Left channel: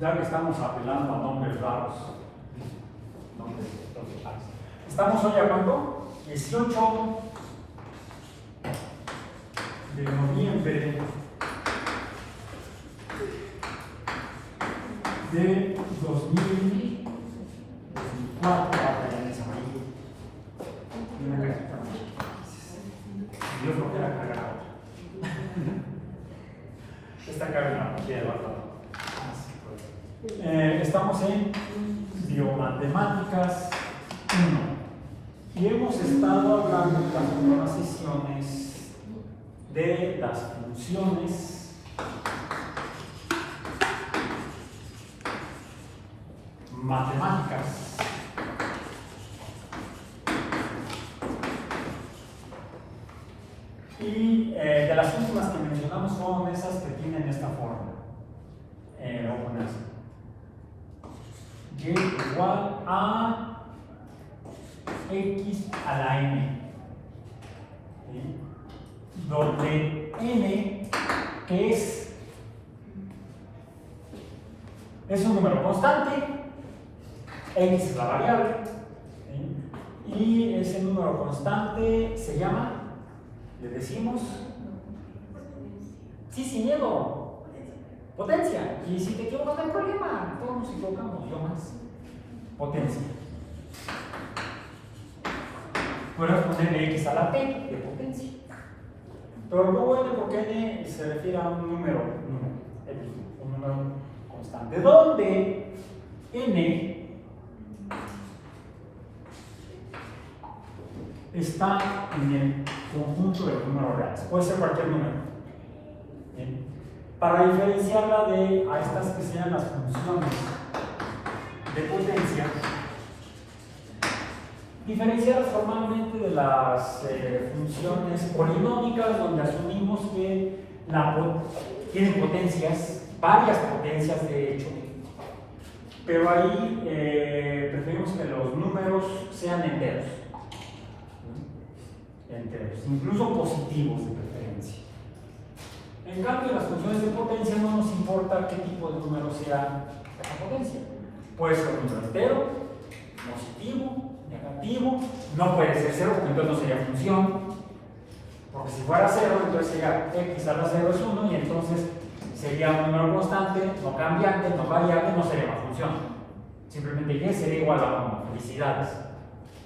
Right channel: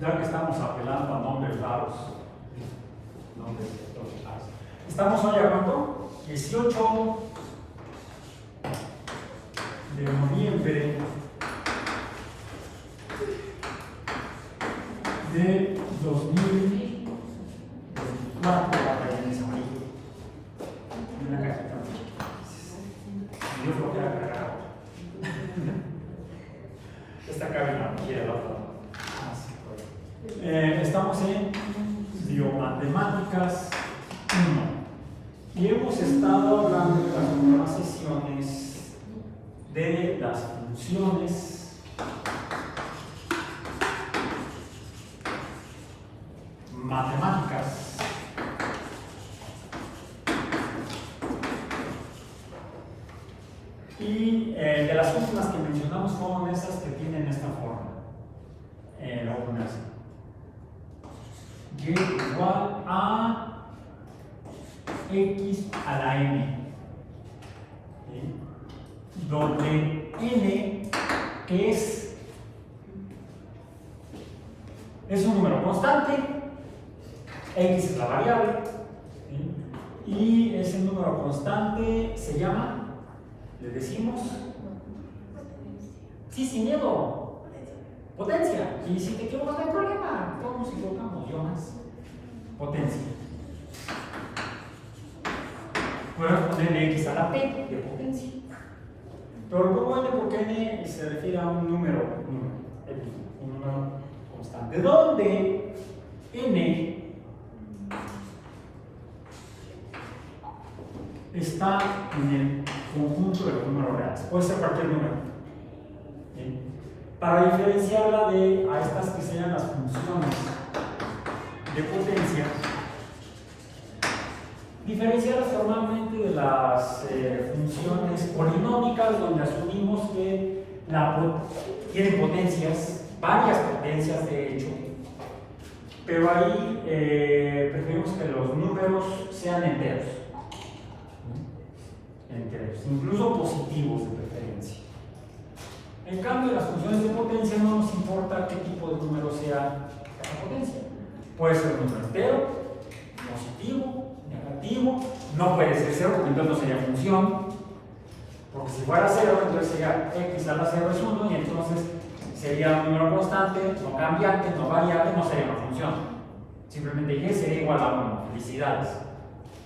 Ya que estamos apelando a nombres raros, estamos hoy a cuánto? 18 de noviembre de 2024. Yo creo que era cargado. Esta carga no quiere estamos en Biomatemáticas 1 y hemos estado hablando en las primeras sesiones de las funciones matemáticas. Y de las últimas que mencionamos fueron esas que tienen esta forma. Lo voy a poner así. Y igual a x a la n. ¿Sí? Donde n, que es un número constante, x es la variable, ¿sí? Y ese número constante se llama, le decimos, sí, sin miedo, potencia. Y si te equivocas no hay problema, todos nos equivocamos, yo más. Potencia. Bueno, ponerle x a la p de potencia. Pero no n porque n se refiere a un número constante, donde n está en el conjunto de los números reales, puede ser cualquier número. ¿Sí? Para diferenciarla de a estas que sean las funciones de potencia, diferenciarlas formalmente de las funciones polinómicas, donde asumimos que tienen potencias, varias potencias de hecho, pero ahí preferimos que los números sean enteros, incluso positivos de preferencia. En cambio, las funciones de potencia no nos importa qué tipo de número sea la potencia. Puede ser un número entero, positivo, negativo, no puede ser cero porque entonces no sería función, porque si fuera cero entonces sería x a la 0 es 1 y entonces sería un número constante, no cambiante, no variable, no sería una función. Simplemente y sería igual a 1. Felicidades,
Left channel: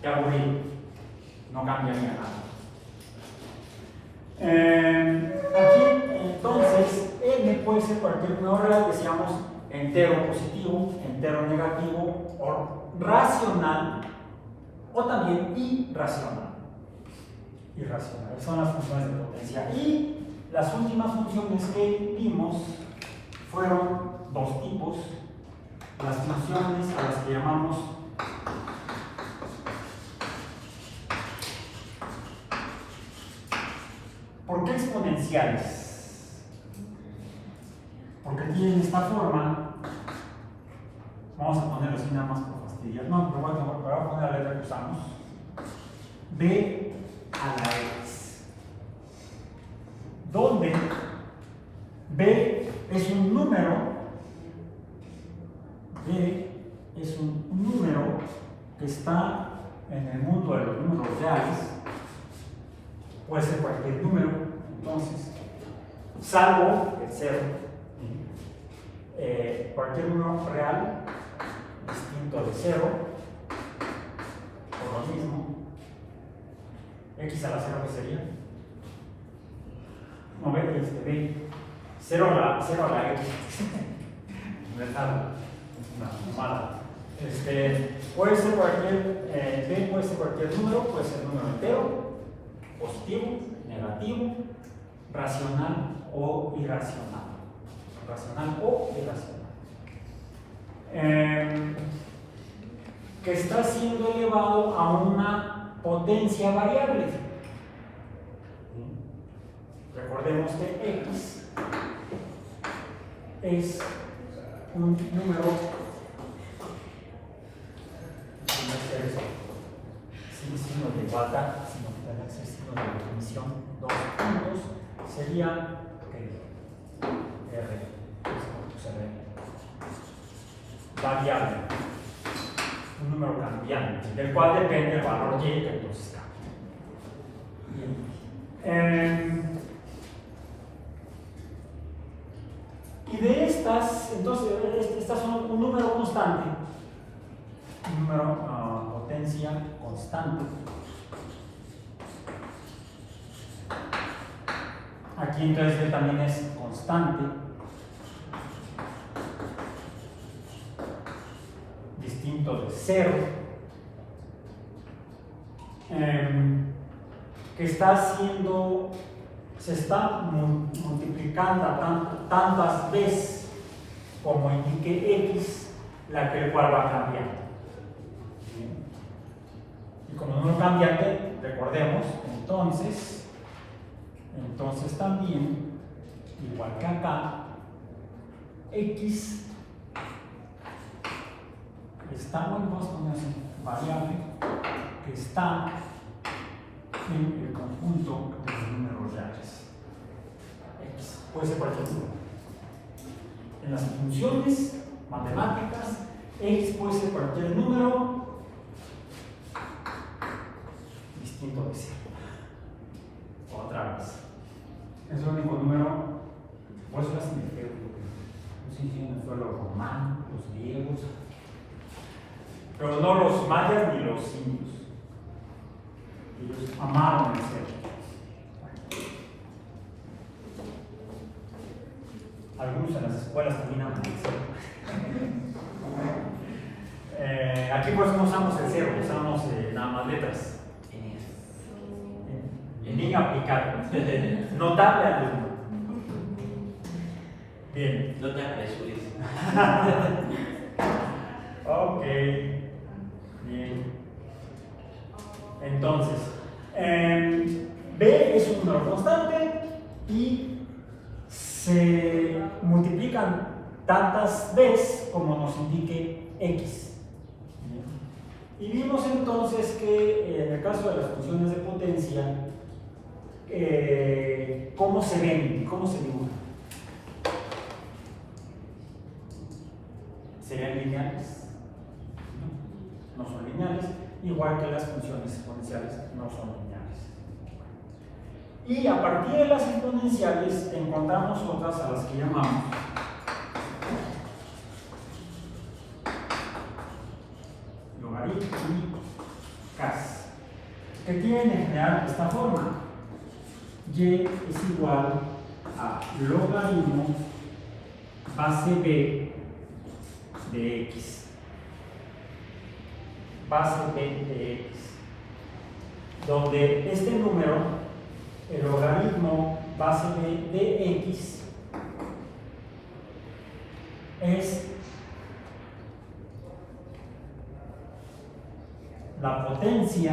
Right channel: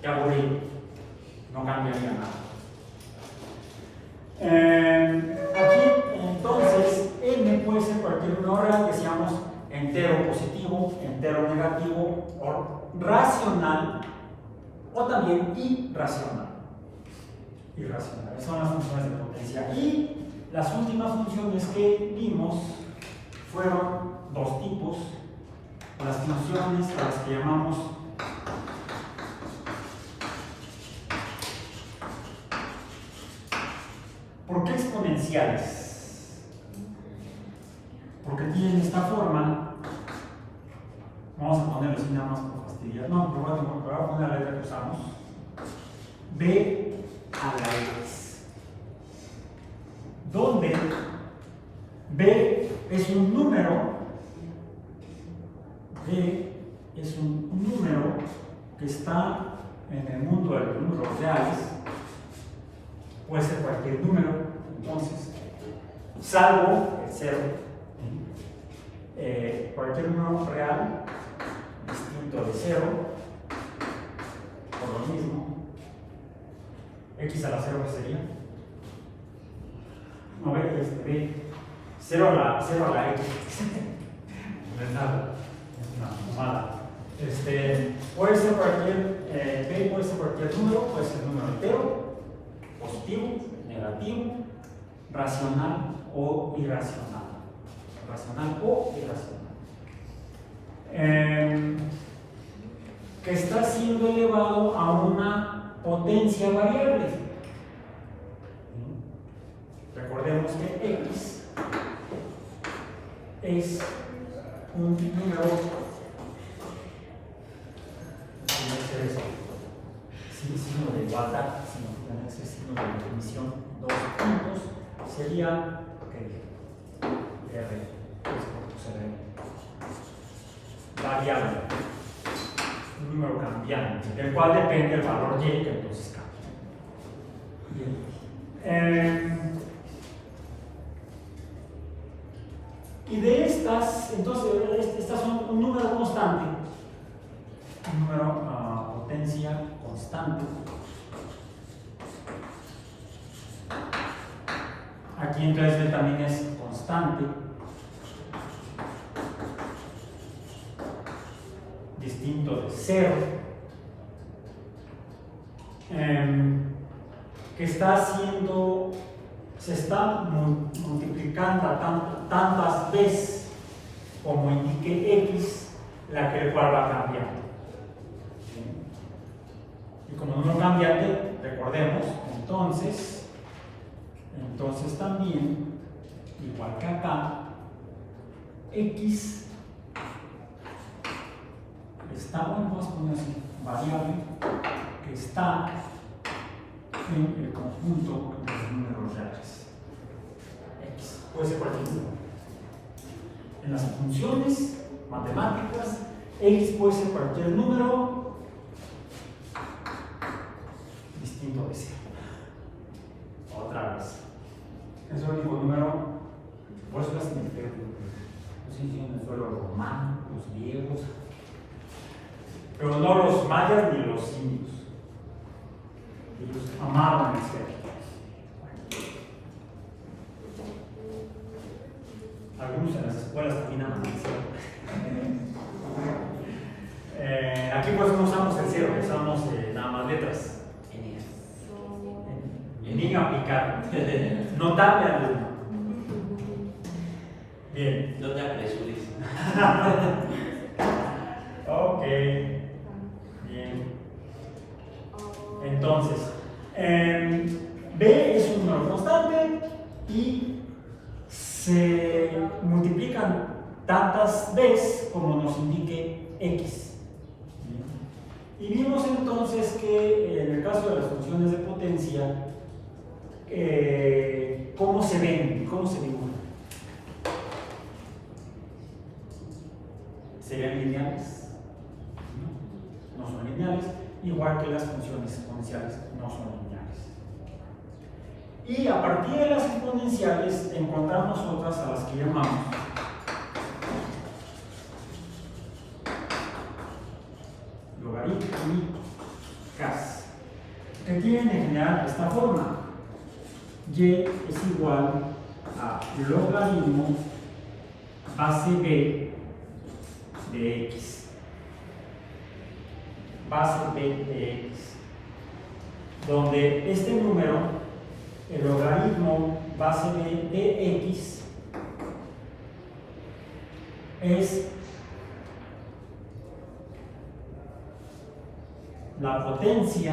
ya aburrí, no cambia ni nada. Aquí entonces n puede ser cualquier número real, decíamos entero positivo, entero negativo, o racional, o también irracional. Irracional, son las funciones de potencia. Y las últimas funciones que vimos fueron dos tipos, las funciones a las que llamamos ¿por qué exponenciales? Porque tienen esta forma. Vamos a ponerlo así nada más por fastidiar. No, pero bueno, voy a poner la letra que usamos. B a la x. Donde B es un número. B es un número que está en el mundo de los números reales. Puede ser cualquier número, entonces, salvo el 0. Cualquier número real distinto de 0, por lo mismo. X a la 0, ¿qué sería? No, B, 0 a la X. ¿Verdad? Es una mamada. Puede ser cualquier, B puede ser cualquier número, puede ser número entero, positivo, negativo, racional o irracional. Racional o irracional. Que está siendo elevado a una potencia variable. Recordemos que x es un número sin signo de igualdad, sino que tiene ese signo de definición, dos puntos, sería R. variable, un número cambiante, del cual depende el valor y que entonces cambia. Bien. Y de estas, entonces, estas son un número constante, un número potencia constante. Aquí entonces también es constante, distinto de 0, que está haciendo, se está multiplicando tantas veces como indique x, la que el cual va cambiando. Y como número cambiante, recordemos, entonces también, igual que acá, x está, bueno, vamos a poner así, variable que está en el conjunto de los números reales. X puede ser cualquier número. En las funciones matemáticas, x puede ser cualquier número distinto de 0. Otra vez. Es el único número, por eso hacen el feo. Los indígenas fue los romanos, los griegos, pero no los mayas ni los indios. Ellos amaron el 0. Algunos en las escuelas también aman el 0. Aquí pues no usamos el 0, usamos nada más letras. Bien aplicado. Notable alumno. Bien. No te apresures. Ok. Bien. Entonces, B es un número constante y se multiplican tantas veces como nos indique x. Y vimos entonces que en el caso de las funciones de potencia, ¿cómo se ven? ¿Cómo se ven? ¿Serían lineales? No son lineales, igual que las funciones exponenciales no son lineales. Y a partir de las exponenciales encontramos otras a las que llamamos logarítmicas, que tienen en general esta forma. Y es igual a logaritmo base b de x. Base b de x. Donde este número, el logaritmo base b de x, es la potencia.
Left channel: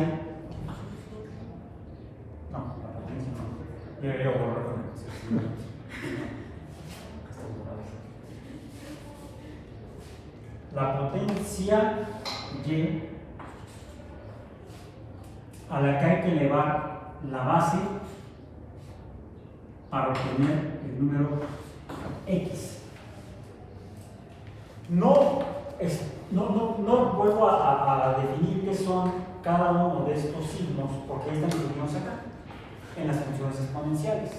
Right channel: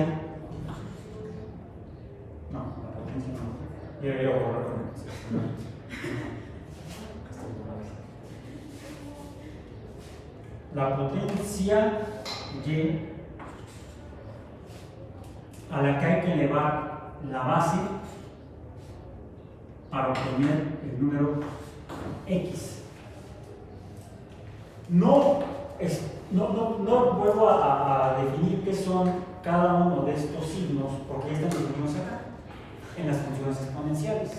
No, la potencia no. La potencia y a la que hay que elevar la base para obtener el número x. No vuelvo a definir qué son cada uno de estos signos, porque están definidos acá en las funciones exponenciales.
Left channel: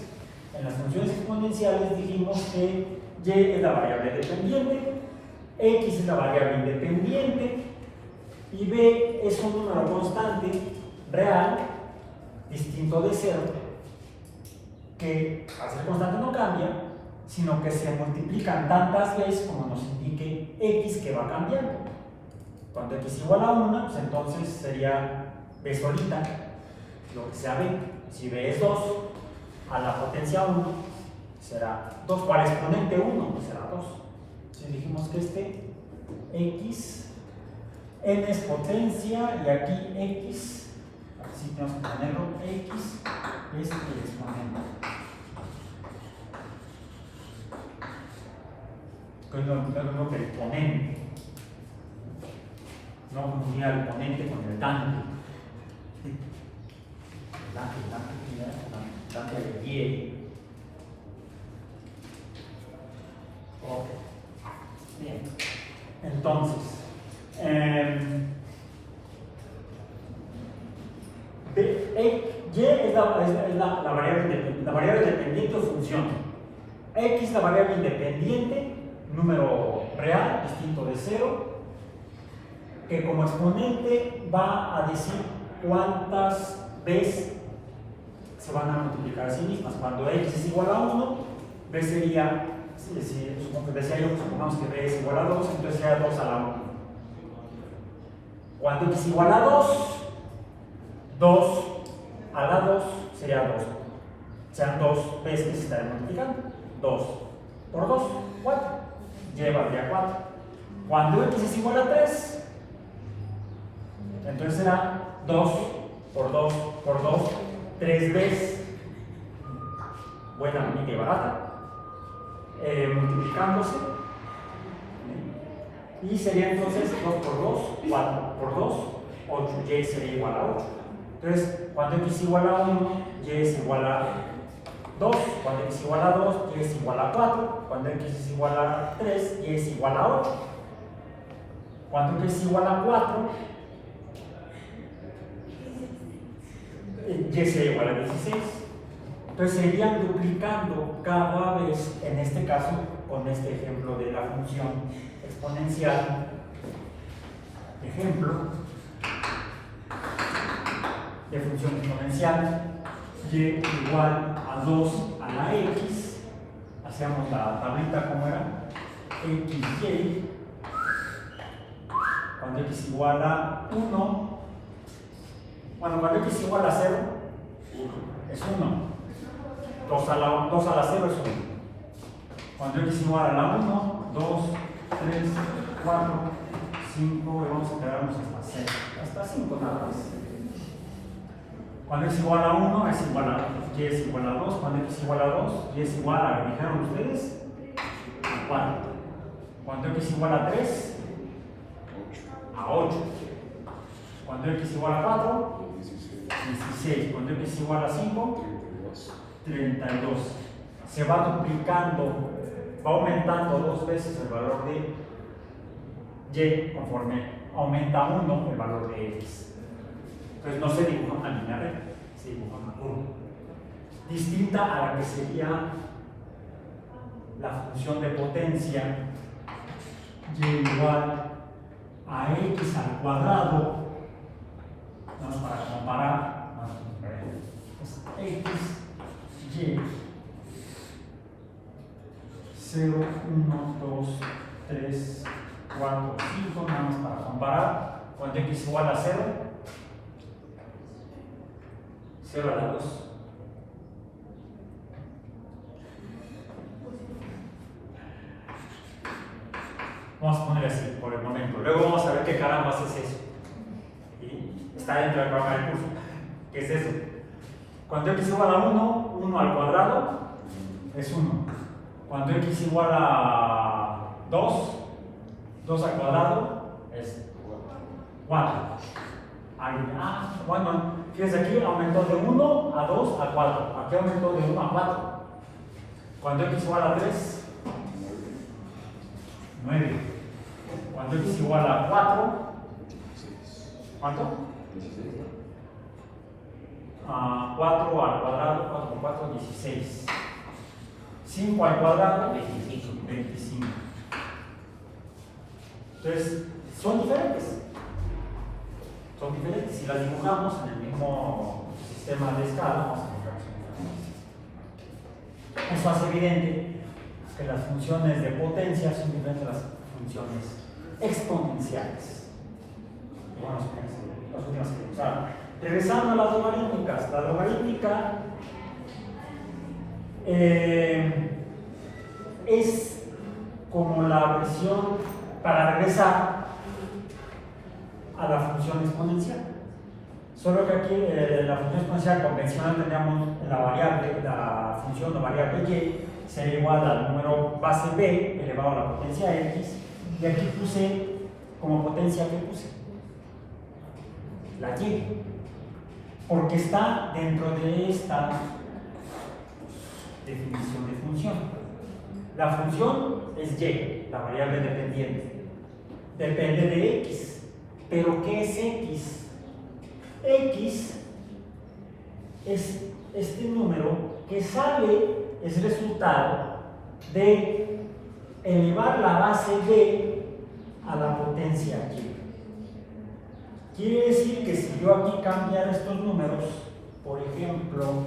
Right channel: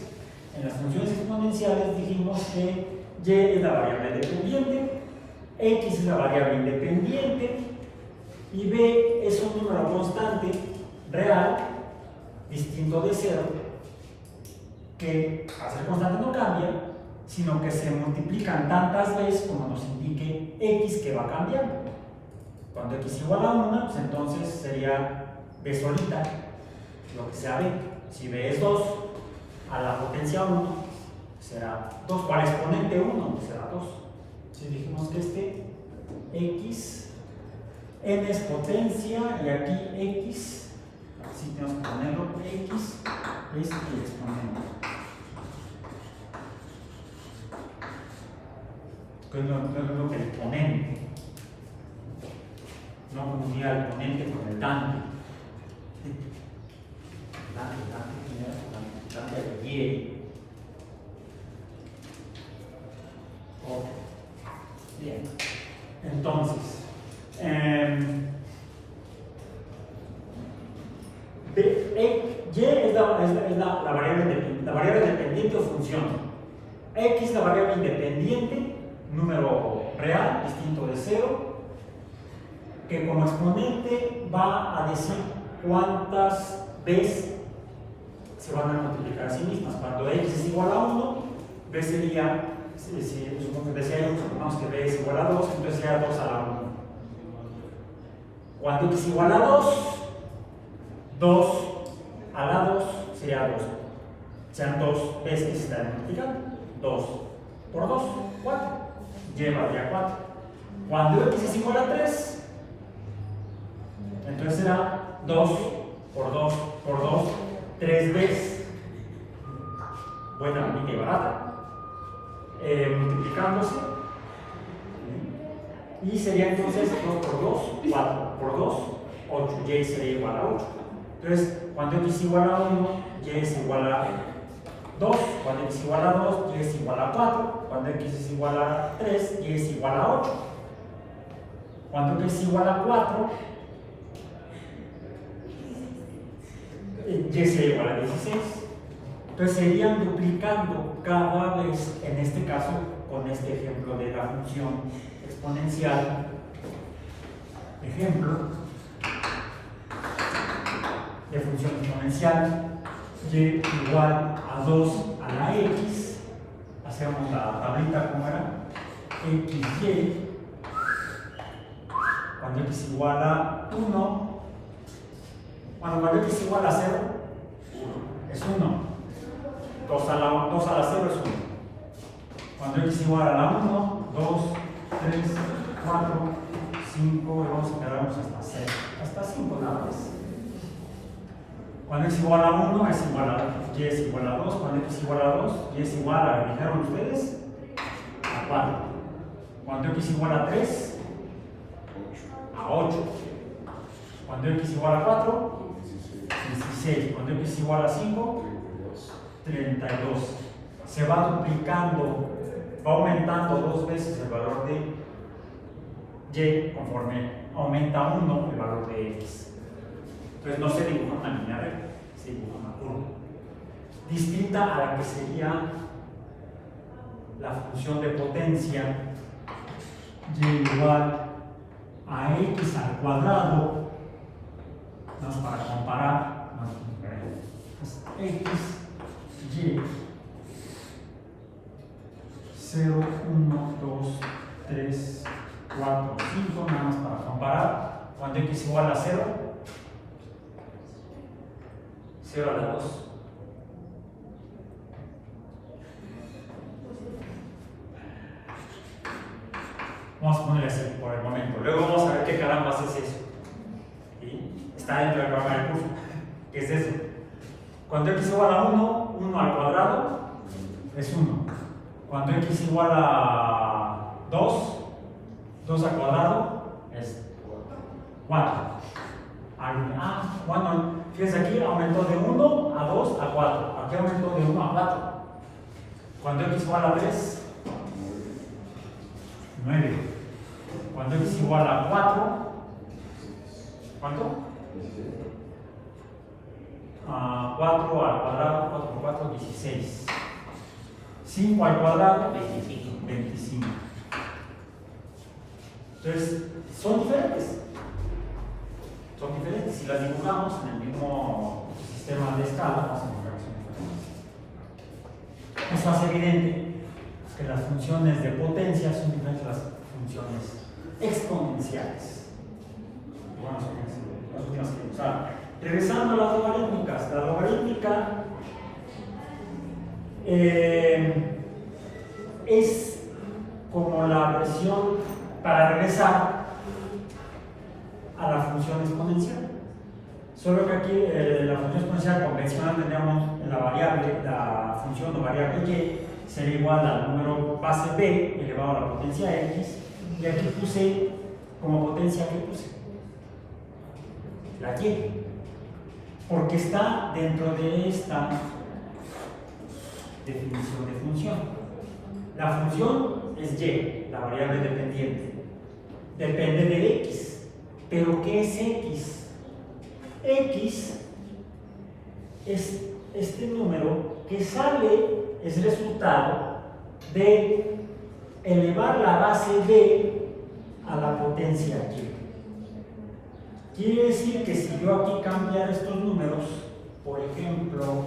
En las funciones exponenciales dijimos que y es la variable dependiente, x es la variable independiente y b es un número constante real distinto de 0 que al ser constante no cambia, sino que se multiplican tantas veces como nos indique x, que va cambiando. Cuando x es igual a 1, pues entonces sería b solita, lo que sea b. Si b es 2, a la potencia 1 será 2, o al exponente 1 será 2. Entonces dijimos que este x, n es potencia y aquí x, así tenemos que ponerlo, x es el exponente. No es lo que el exponente, no unir al exponente con el dante. Dante de y. Ok. Bien. Entonces, y es la variable dependiente o función. X es la variable independiente, número real, distinto de 0, que como exponente va a decir cuántas veces se van a multiplicar a sí mismas. Cuando X es igual a 1, B sería, supongo que decía yo, supongamos que B es igual a 2, entonces sería 2 a la 1. Cuando X es igual a 2, 2 a la 2 sería 2. Sean 2 veces que se están multiplicando. 2 por 2, 4. Lleva ya 4. Cuando X es igual a 3, entonces será 2 por 2 por 2, 3 veces. Buena, bonita y barata. Multiplicándose. Y sería entonces 2 por 2, 4 por 2, 8. Y sería igual a 8. Entonces, cuando X es igual a 1, Y es igual a 2. Cuando X es igual a 2, Y es igual a 4. Cuando X es igual a 3, Y es igual a 8. Cuando X es igual a 4, Y sería igual a 16. Entonces se irían duplicando cada vez, en este caso, con este ejemplo de la función exponencial. Ejemplo de función exponencial, y igual a 2 a la x. Hacemos la tablita como era, xy. Cuando x igual a 1, bueno, cuando x igual a 0, es 1. 2 a la 0 es 1. Cuando x igual a la 1, 2, 3, 4, 5, y vamos a quedarnos hasta 6. Hasta 5 nada más. Cuando x igual a 1 es igual a y es igual a 2. Cuando x igual a 2, y es igual a, ¿dijeron ustedes? A 4. Cuando x igual a 3, a 8. Cuando x igual a 4, 16. Cuando x igual a 5, 32. Se va duplicando, va aumentando 2 veces el valor de y conforme aumenta 1 el valor de x. Entonces no se dibuja una línea recta, se dibuja una curva. Distinta a la que sería la función de potencia y igual a x al cuadrado. Vamos para comparar. Es x, y, 0, 1, 2, 3, 4, 5, nada más para comparar. Cuando x igual a 0, 0 a la 2. Vamos a ponerle así por el momento. Luego vamos a ver qué carambas es eso. ¿Sí? Está dentro del programa del curso. ¿Qué es eso? Cuando x igual a 1, 1 al cuadrado es 1. Cuando x igual a 2, 2 al cuadrado es 4. Bueno, fíjense aquí aumentó de 1 a 2 a 4. Aquí aumentó de 1 a 4. Cuando x igual a 3, 9. Cuando x igual a 4, ¿cuánto? 4 al cuadrado, 4 por 4, 16. 5 al cuadrado, 25. Entonces, son diferentes. Son diferentes. Si las dibujamos en el mismo sistema de escala, vamos a encontrar que son diferentes. Eso hace evidente que las funciones de potencia son diferentes de las funciones exponenciales. Las últimas que usaron. Regresando a las logarítmicas. La logarítmica es como la versión para regresar a la función exponencial. Solo que aquí la función exponencial convencional teníamos la función o variable y sería igual al número base b elevado a la potencia x, y aquí puse como potencia que puse la y, porque está dentro de esta definición de función. La función es y, la variable dependiente. depende de x. ¿Pero qué es x? X es este número que sale, es resultado de elevar la base b a la potencia y. Quiere decir que si yo aquí cambiara estos números, por ejemplo,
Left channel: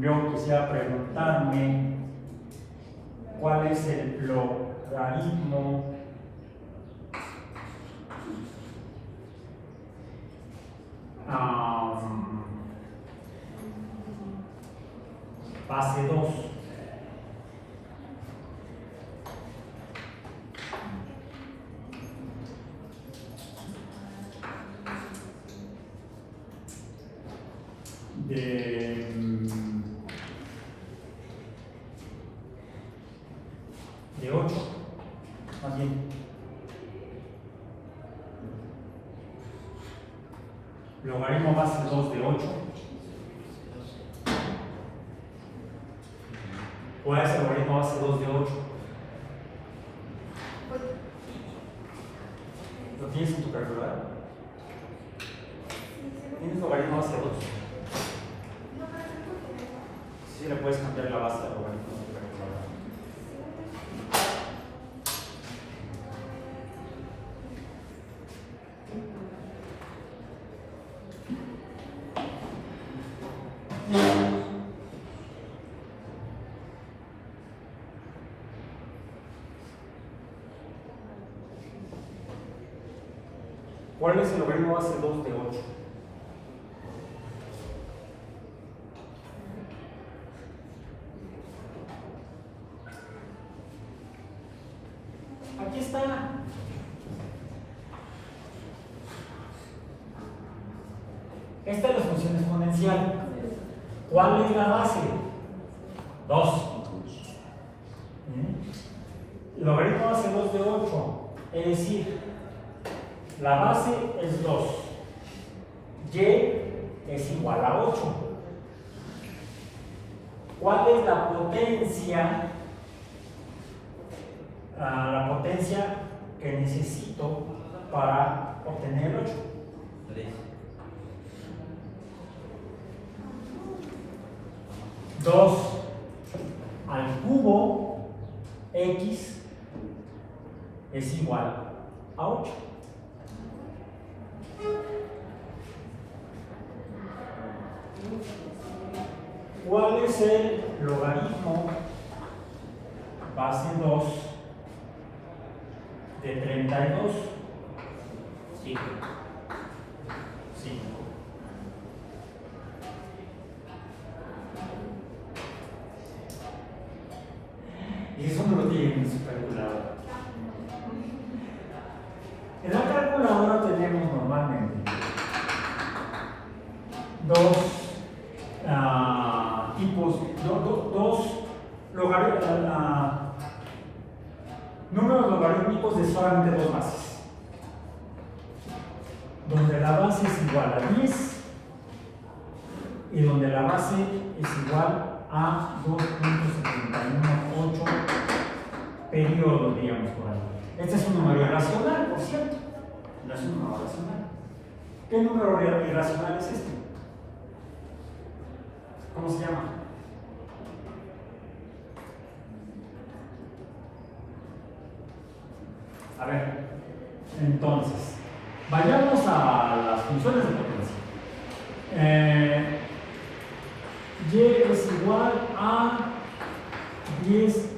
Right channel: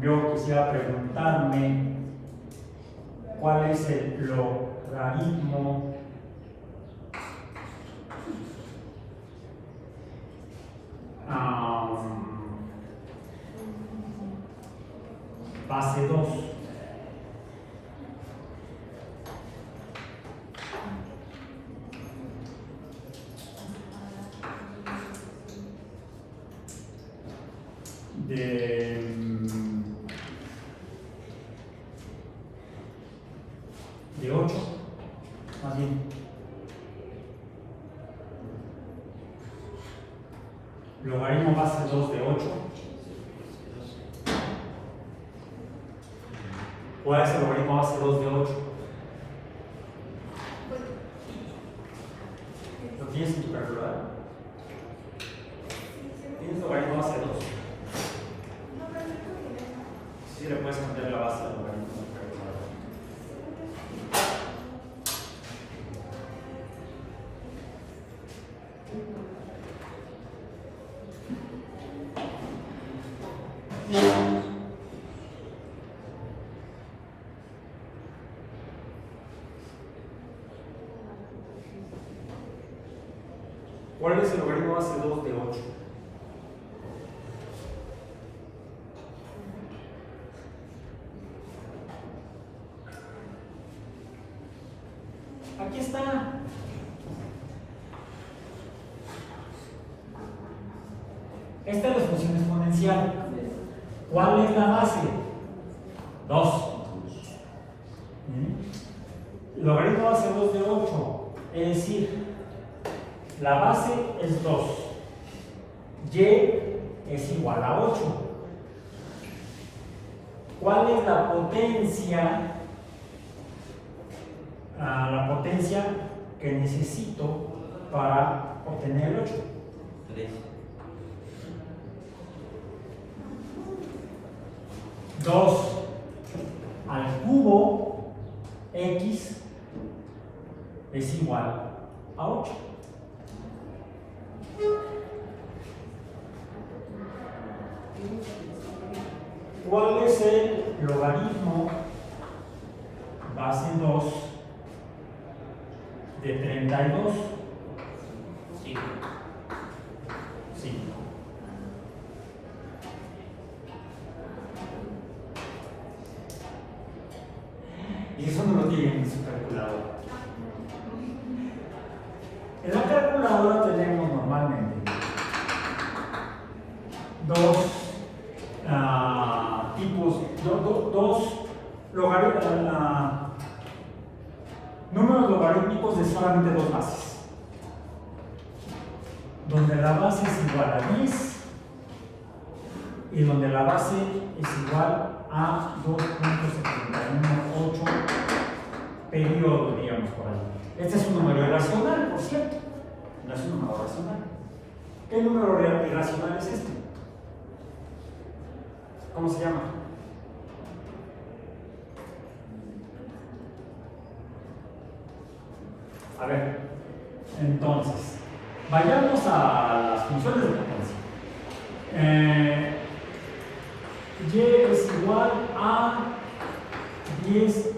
yo quisiera preguntarme cuál es el logaritmo base 2. De 8, más bien. Logaritmo base 2 de 8. ¿Cuál es el logaritmo base 2 de 8? ¿Lo tienes en tu calculadora? ¿Tienes logaritmo base 2? Sí, le puedes cambiar la base del logaritmo en tu calculadora. ¿Cuál es el logaritmo base 2 de 8? Aquí está. Esta es la función exponencial. ¿Cuál es la base? 2. Logaritmo base 2 de 8. Es decir, la base es 2. Y es igual a 8. ¿Cuál es la potencia? La potencia que necesito para obtener el 8. 2 al cubo x es igual a 8. ¿Cuál es el logaritmo base 2 de 32? 5. Y eso no lo tienen en su calculadora. En la calculadora tenemos normalmente dos tipos, dos números logarítmicos de solamente dos bases, donde la base es igual a 10 y donde la base es igual a 2.718 periodos, digamos, por ahí. Este es un número irracional, por cierto. No es un número racional. ¿Qué número irracional es este? ¿Cómo se llama? A ver, entonces, vayamos a las funciones de potencia. Y es igual a 10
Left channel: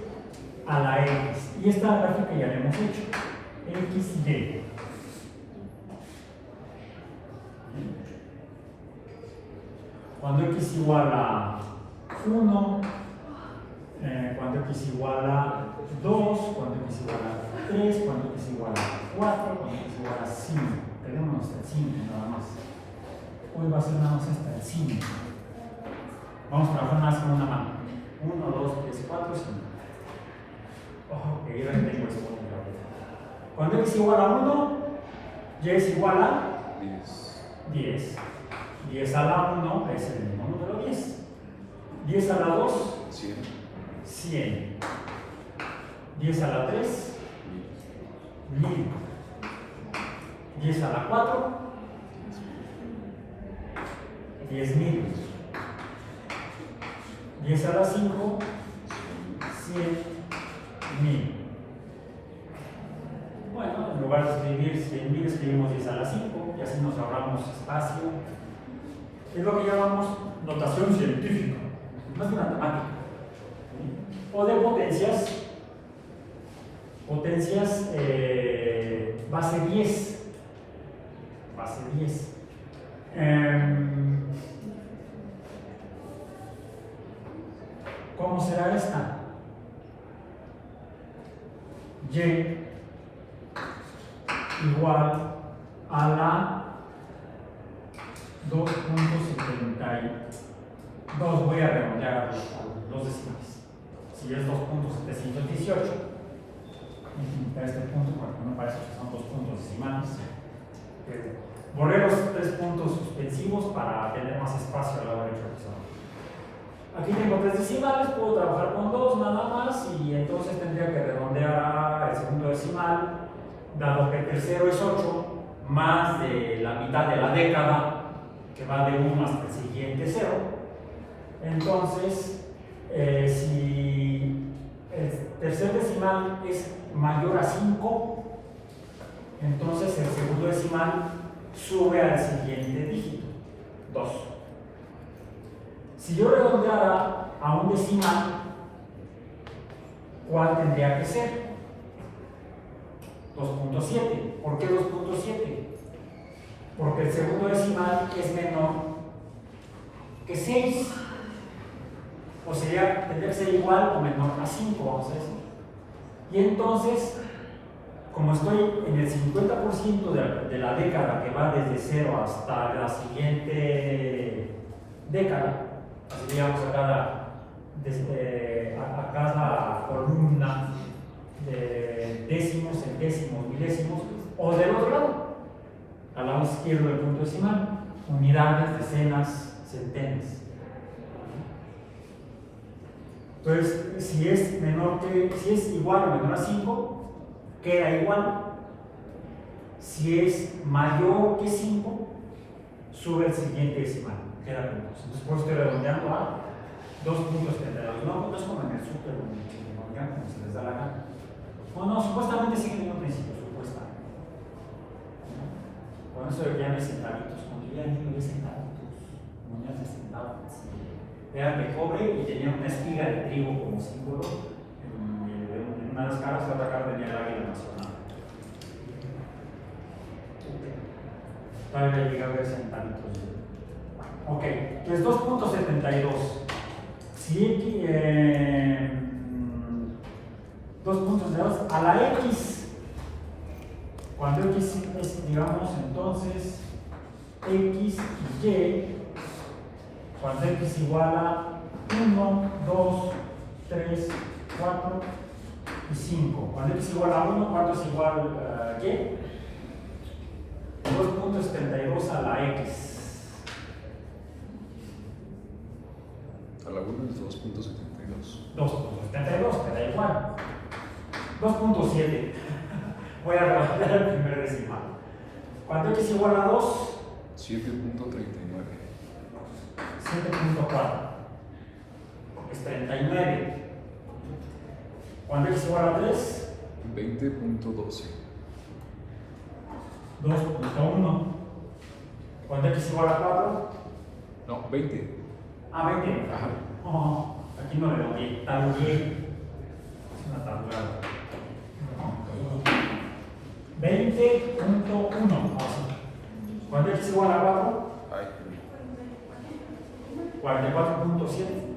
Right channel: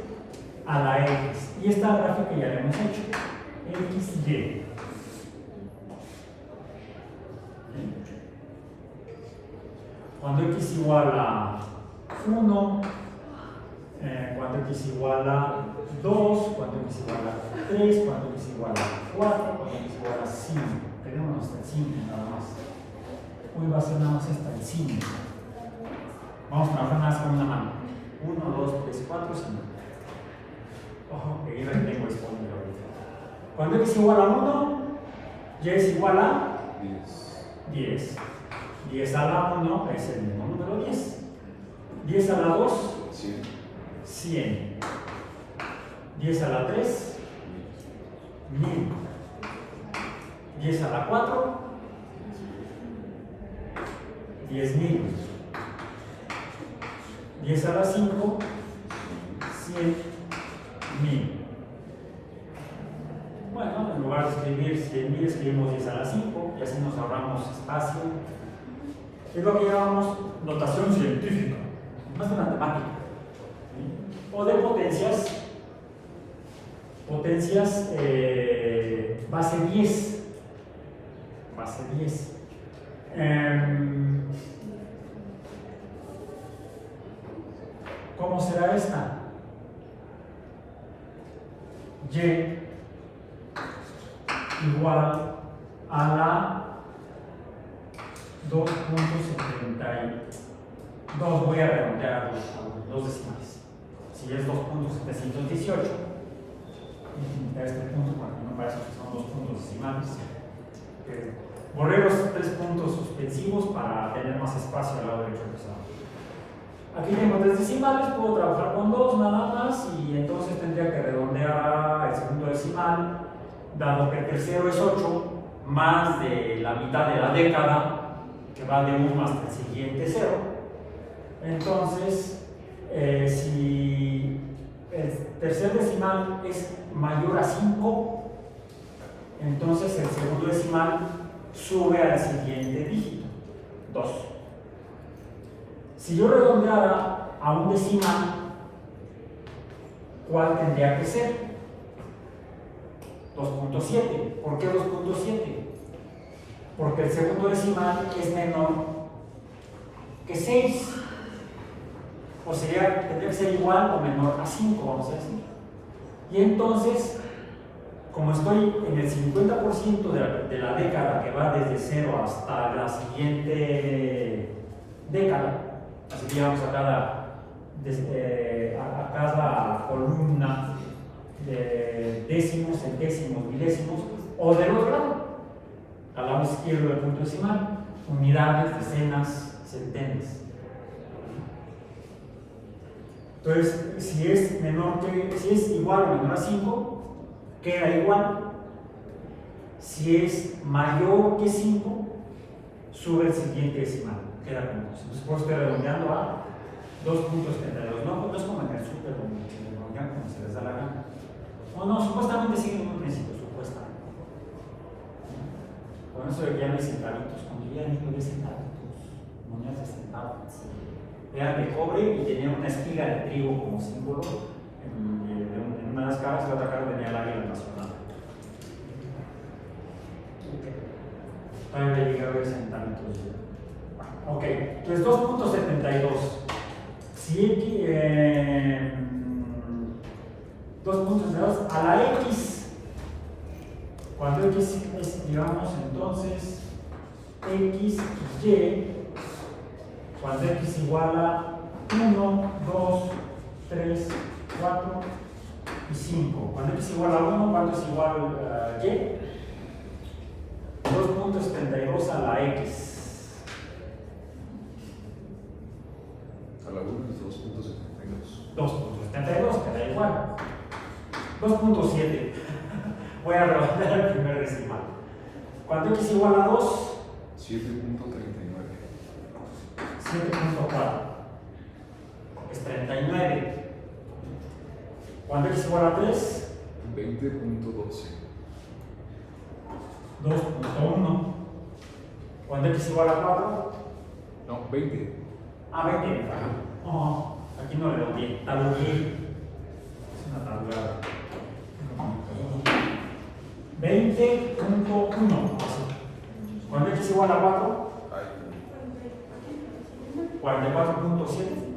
a la x. Y esta gráfica ya la hemos hecho. XY. Cuando x igual a 1, cuando x igual a 2, cuando x igual a 3, cuando x igual a 4, cuando x igual a 5. Tenemos hasta el 5 nada más. Hoy va a ser nada más hasta el 5. Vamos a trabajar nada más con una mano. 1, 2, 3, 4, 5. Ojo, que yo tengo disponible ahorita. Cuando x igual a 1, y es igual a 10. 10 a la 1 es el mismo número 10. 10 a la 2, 100. 10 a la 3, 1000. 10 a la 4, 10,000. 10 a la 5, 100,000. Bueno, en lugar de escribir 100,000, escribimos 10 a la 5 y así nos ahorramos espacio. Es lo que llamamos notación científica, no es de matemática. O de potencias, base 10. Base 10. ¿Cómo será esta? Y igual a la 2.72. Voy a redondear los decimales. Si es 2.718, a este punto, bueno, no parece que son 2 puntos decimales. Borré los 3 puntos suspensivos para tener más espacio al lado derecho. Aquí tengo 3 decimales, puedo trabajar con 2 nada más y entonces tendría que redondear el segundo decimal, dado que el tercero es 8, más de la mitad de la década, que va de 1 hasta el siguiente 0. Entonces, si el tercer decimal es mayor a 5, entonces el segundo decimal sube al siguiente dígito, 2. Si yo redondeara a un decimal, ¿cuál tendría que ser? 2.7. ¿Por qué 2.7? Porque el segundo decimal es menor que 6. O sea, tendría que ser igual o menor a 5, vamos a decir. Y entonces, como estoy en el 50% de la década que va desde 0 hasta la siguiente década, así que llamamos a cada columna de décimos, centésimos, milésimos, o del otro lado, al lado izquierdo del punto decimal, unidades, decenas, centenas. Entonces, si es igual o menor a 5, queda igual. Si es mayor que 5, sube el siguiente decimal, queda con 2. Entonces, por eso estoy redondeando a 2.72. No es como en el súper donde se redondean como se les da la gana. No, supuestamente sigue el mismo principio, supuestamente. Con eso de que llamen centavitos, cuando yo ya ni 10 centavitos, monedas de centavos, eran de cobre y tenían una espiga de trigo como símbolo en una de las caras, y la otra cara tenía el águila nacional. Todavía llegué a ver centavitos. Ok, entonces 2.72. Si 2.72 a la X, cuando X es, digamos, entonces X y Y, cuando X igual a 1, 2, 3, 4 y 5. Cuando X igual a 1, ¿cuánto es igual a Y? 2.72 a la X. A la 1 es 2.72. 2.72, queda igual. 2.7. Voy a redondear el primer decimal. Cuando X igual a 2, 7.39. 7.4 es 39. Cuando X igual a 3, 20.12. 2.1. Cuando X igual a 4, No, 20. 20. Oh, aquí no le doy, talugué. Es una tabulada. 20.1. Así. Cuando X igual a 4, 44.7.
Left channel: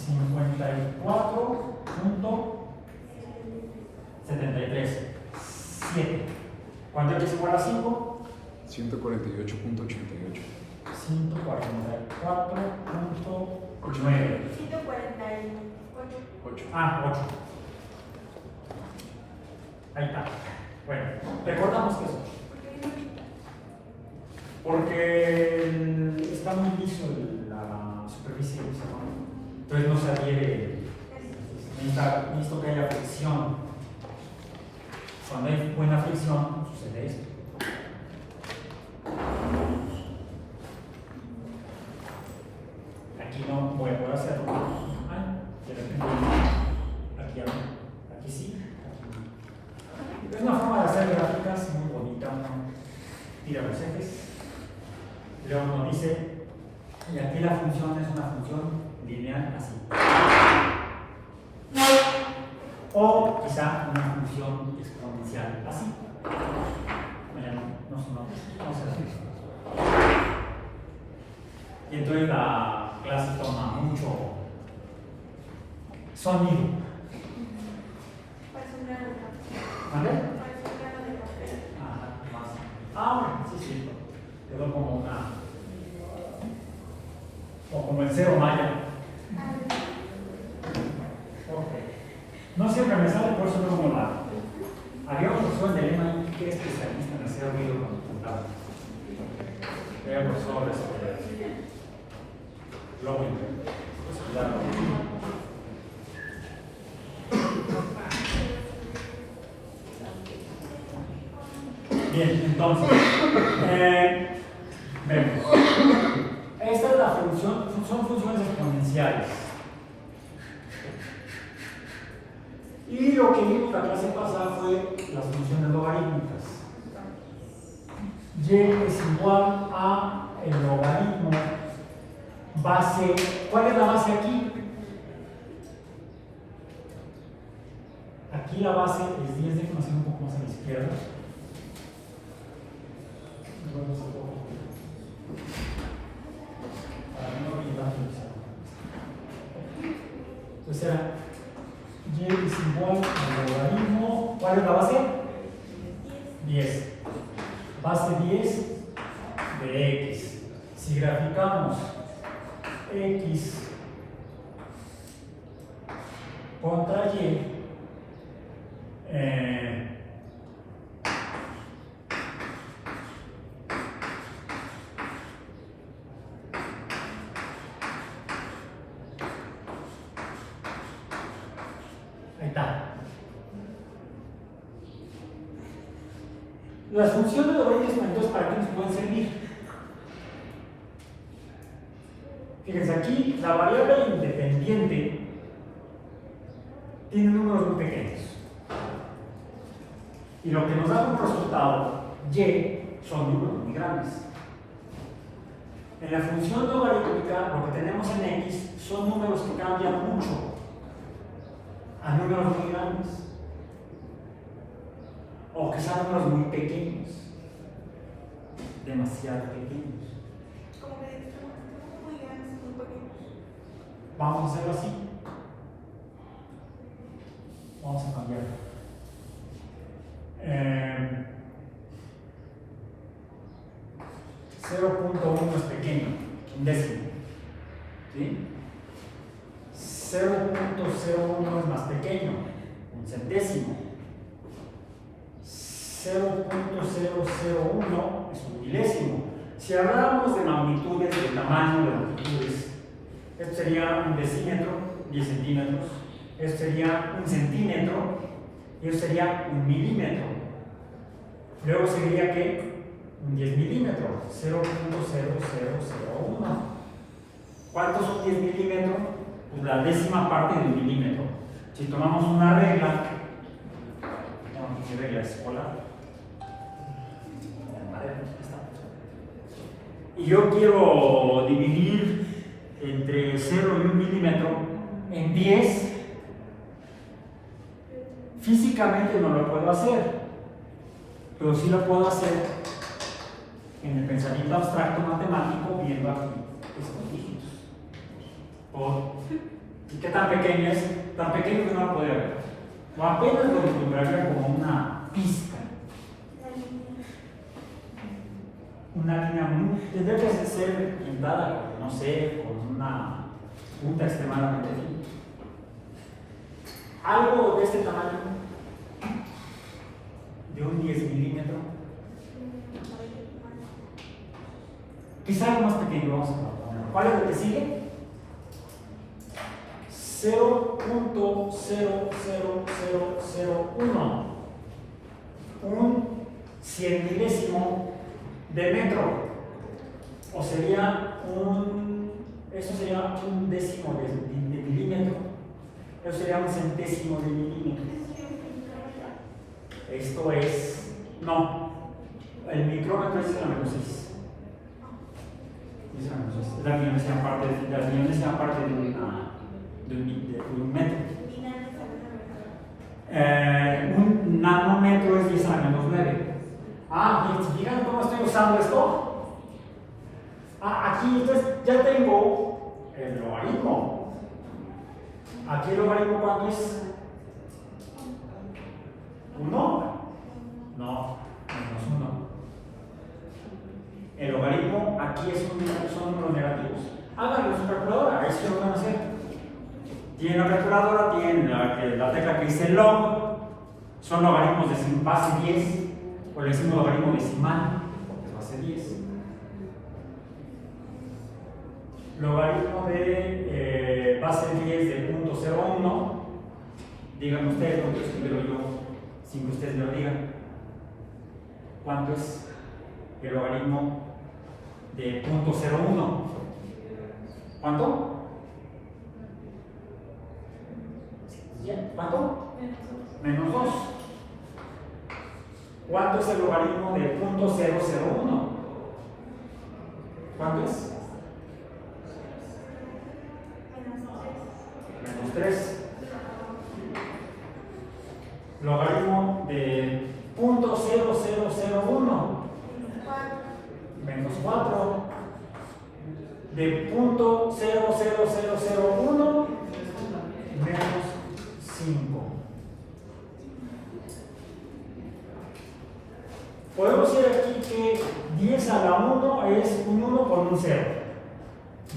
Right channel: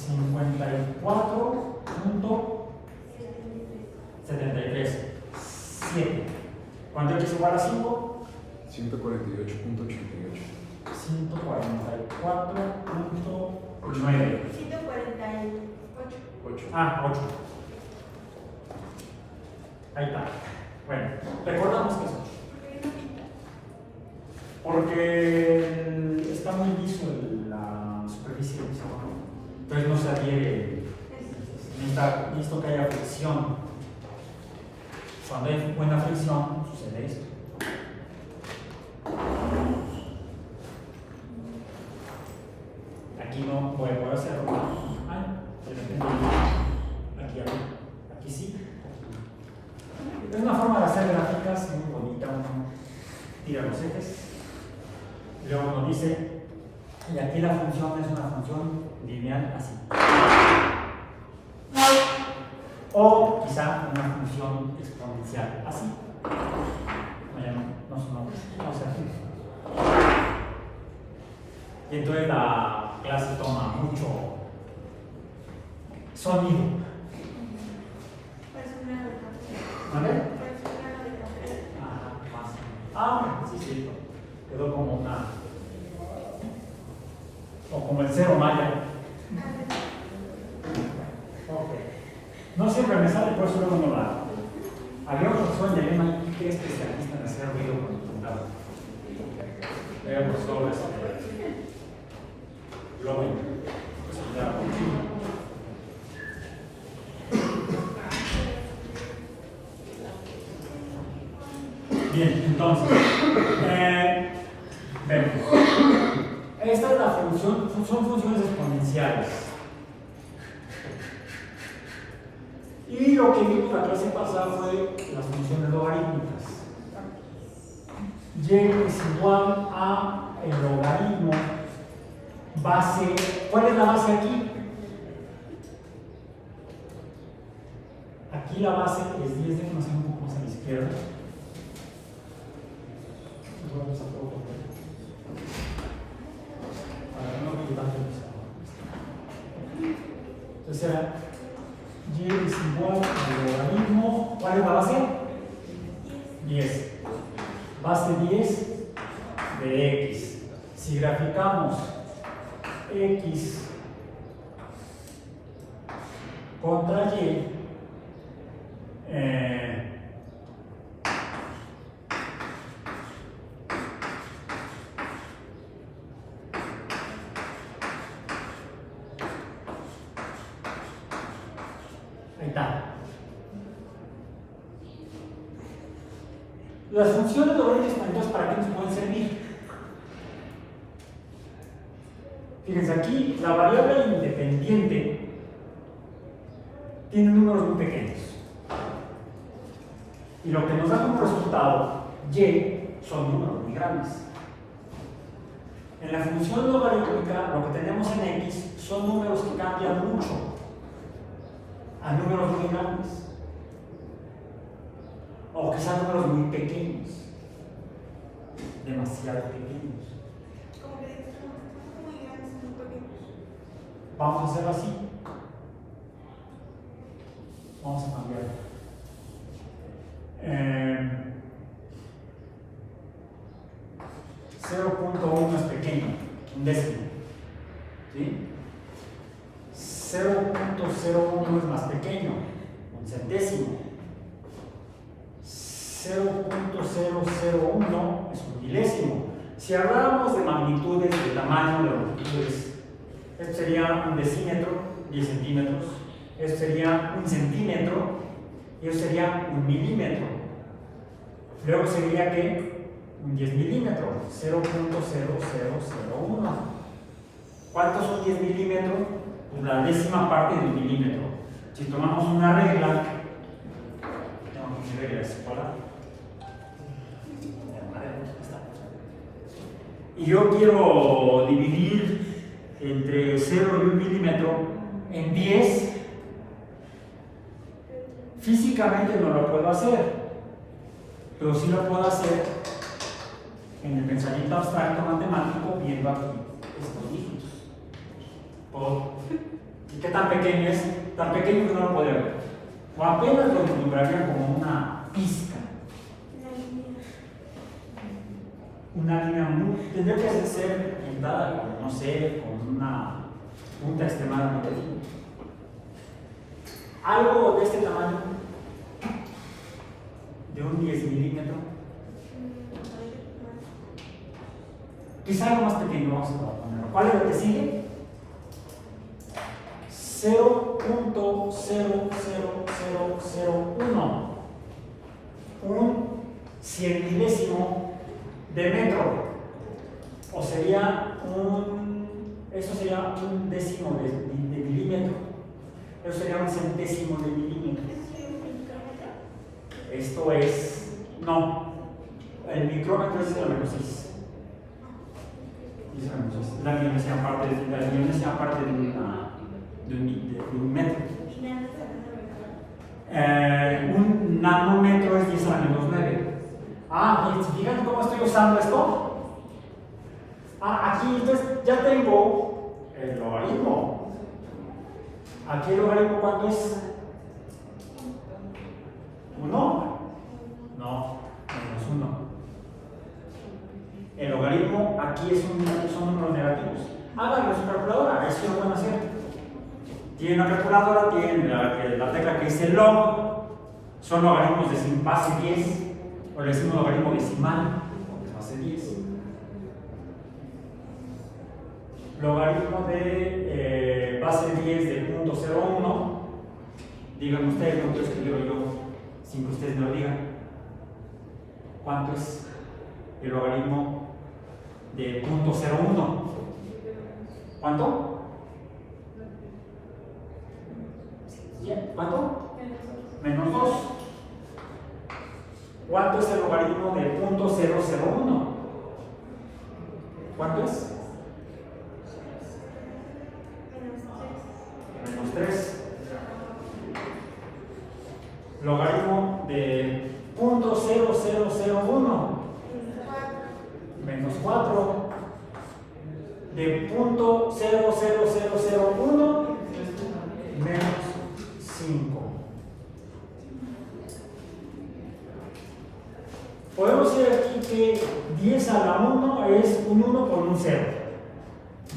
54.73. 7. Cuando X igual a 5, 148.88. 144.9. 8. 8. Ahí está. Bueno, recordamos que eso. Porque está muy liso la superficie del hexágono. Entonces no se adhiere. Necesito que haya fricción. Cuando hay buena fricción, sucede esto. Aquí no voy a poder hacerlo. Ay, de repente, aquí sí. Es una forma de hacer gráficas muy bonita. Tira los ejes. Luego nos dice, y aquí la función es una función lineal así. O quizá una función exponencial así. Bueno, no sé así. Y entonces la clase toma mucho sonido. ¿Vale? Sí. Quedó como una. O como el cero maya. Ok. No siempre me sale, por eso no lo hago. Había un profesor en Dilema que es especialista en hacer ruido con tu computador. Era profesor de lo bueno. Bien, entonces, vemos. Esta es la función, son funciones exponenciales. Y lo que vimos la clase pasada fue las funciones logarítmicas. Y es igual a el logaritmo base. ¿Cuál es la base aquí? Aquí la base es 10, déjenme hacer un poco más a la izquierda. Entonces era y es igual al logaritmo. ¿Cuál es la base? 10. Base 10 de x. Si graficamos x contra y, ahí está. Las funciones logarítmicas, entonces, ¿para qué nos pueden servir? Fíjense, aquí la variable independiente tiene números muy pequeños. Y lo que nos da como resultado, y, son números muy grandes. En la función logarítmica, lo que tenemos en x son números que cambian mucho a números muy grandes. O que sean números muy pequeños. Demasiado pequeños. Vamos a hacerlo así. Vamos a cambiarlo. 0.1 es pequeño, un décimo. ¿Sí? 0.01 es más pequeño, un centésimo. 0.001 es un milésimo. Si habláramos de magnitudes, de tamaño, de longitudes, esto sería un decímetro, 10 centímetros. Esto sería un centímetro y esto sería un milímetro. Luego sería que un 10 milímetros, 0.0001. ¿Cuántos son 10 milímetros? Pues la décima parte de un milímetro. Si tomamos una regla, no, ¿qué regla es? Y yo quiero dividir entre 0 y 1 milímetro en 10, físicamente no lo puedo hacer, pero sí lo puedo hacer en el pensamiento abstracto matemático viendo aquí estos dígitos. ¿Y qué tan pequeño es? Tan pequeño que no lo podría ver. O apenas lo vislumbraría como una pizca. Una línea muy. Tendría que ser pintada, no sé, con una punta extremadamente fina. Algo de este tamaño, de un 10 milímetros. Quizá algo más pequeño, vamos a poner. ¿Cuál es lo que sigue? 0.00001. un 100 de metro, o sería eso sería un décimo de milímetro, eso sería un centésimo de milímetro. Esto es, no, el micrómetro es 10 a la menos 6. Las millones sean parte de un metro. Un nanómetro es 10 a la menos 9. Y si fijan cómo estoy usando esto. Aquí entonces ya tengo el logaritmo. Aquí el logaritmo, ¿cuánto es? 1. No, menos 1. El logaritmo aquí son números negativos. Háganlo en su calculadora, eso lo pueden hacer. Tienen la calculadora, tienen la tecla que dice log, son logaritmos de base 10, o le decimos logaritmo decimal, porque es base 10. Logaritmo de base 10 de 0.01, díganme ustedes, no quiero escribirlo yo sin que ustedes me lo digan. ¿Cuánto es el logaritmo de 0.01? ¿Cuánto? ¿Cuánto? Menos 2. ¿Cuánto es el logaritmo de 0.001? ¿Cuánto es? Menos 3. Logaritmo de 0.0001. Menos 4. De 0.00001. Menos 5. Podemos decir aquí que 10 a la 1 es un 1 con un 0.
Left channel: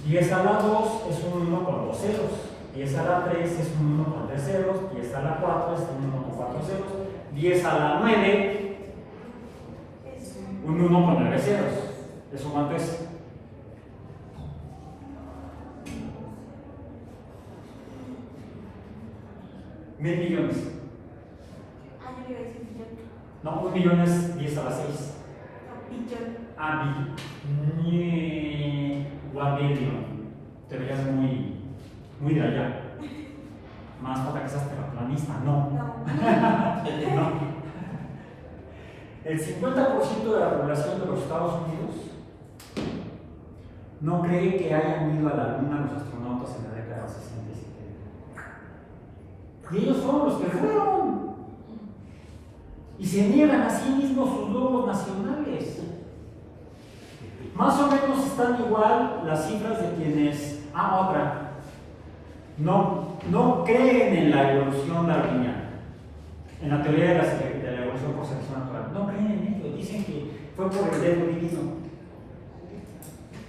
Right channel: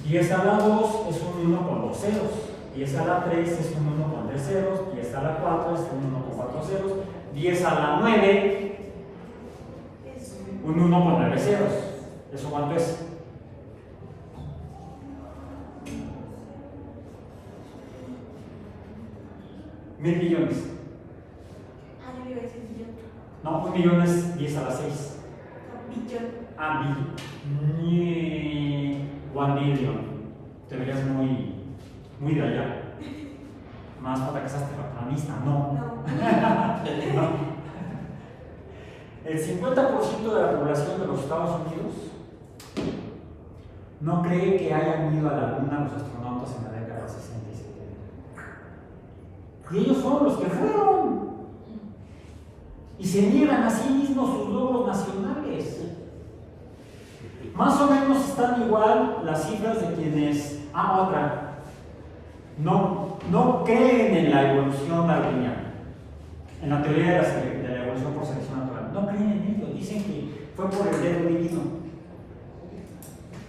10 a la 2 es un 1 con 2 ceros. 10 a la 3 es un 1 con 3 ceros. 10 a la 4 es un 1 con 4 ceros. 10 a la 9, un 1 con 9 ceros. ¿Eso cuánto es? ¿1,000 millones? No, 1 millón es 10 a la 6. Billón. 1 billion. Te verías muy de allá. Más falta que seas terraplanista, no. No. El 50% de la población de los Estados Unidos no cree que hayan ido a la Luna los astronautas en la década del 60 y 70. Y ellos son los que fueron. Y se niegan a sí mismos sus logros nacionales. Más o menos están igual las cifras de quienes. Otra. No creen en la evolución darwiniana, en la teoría de la evolución por selección natural. No creen en ello. Dicen que fue por el dedo divino.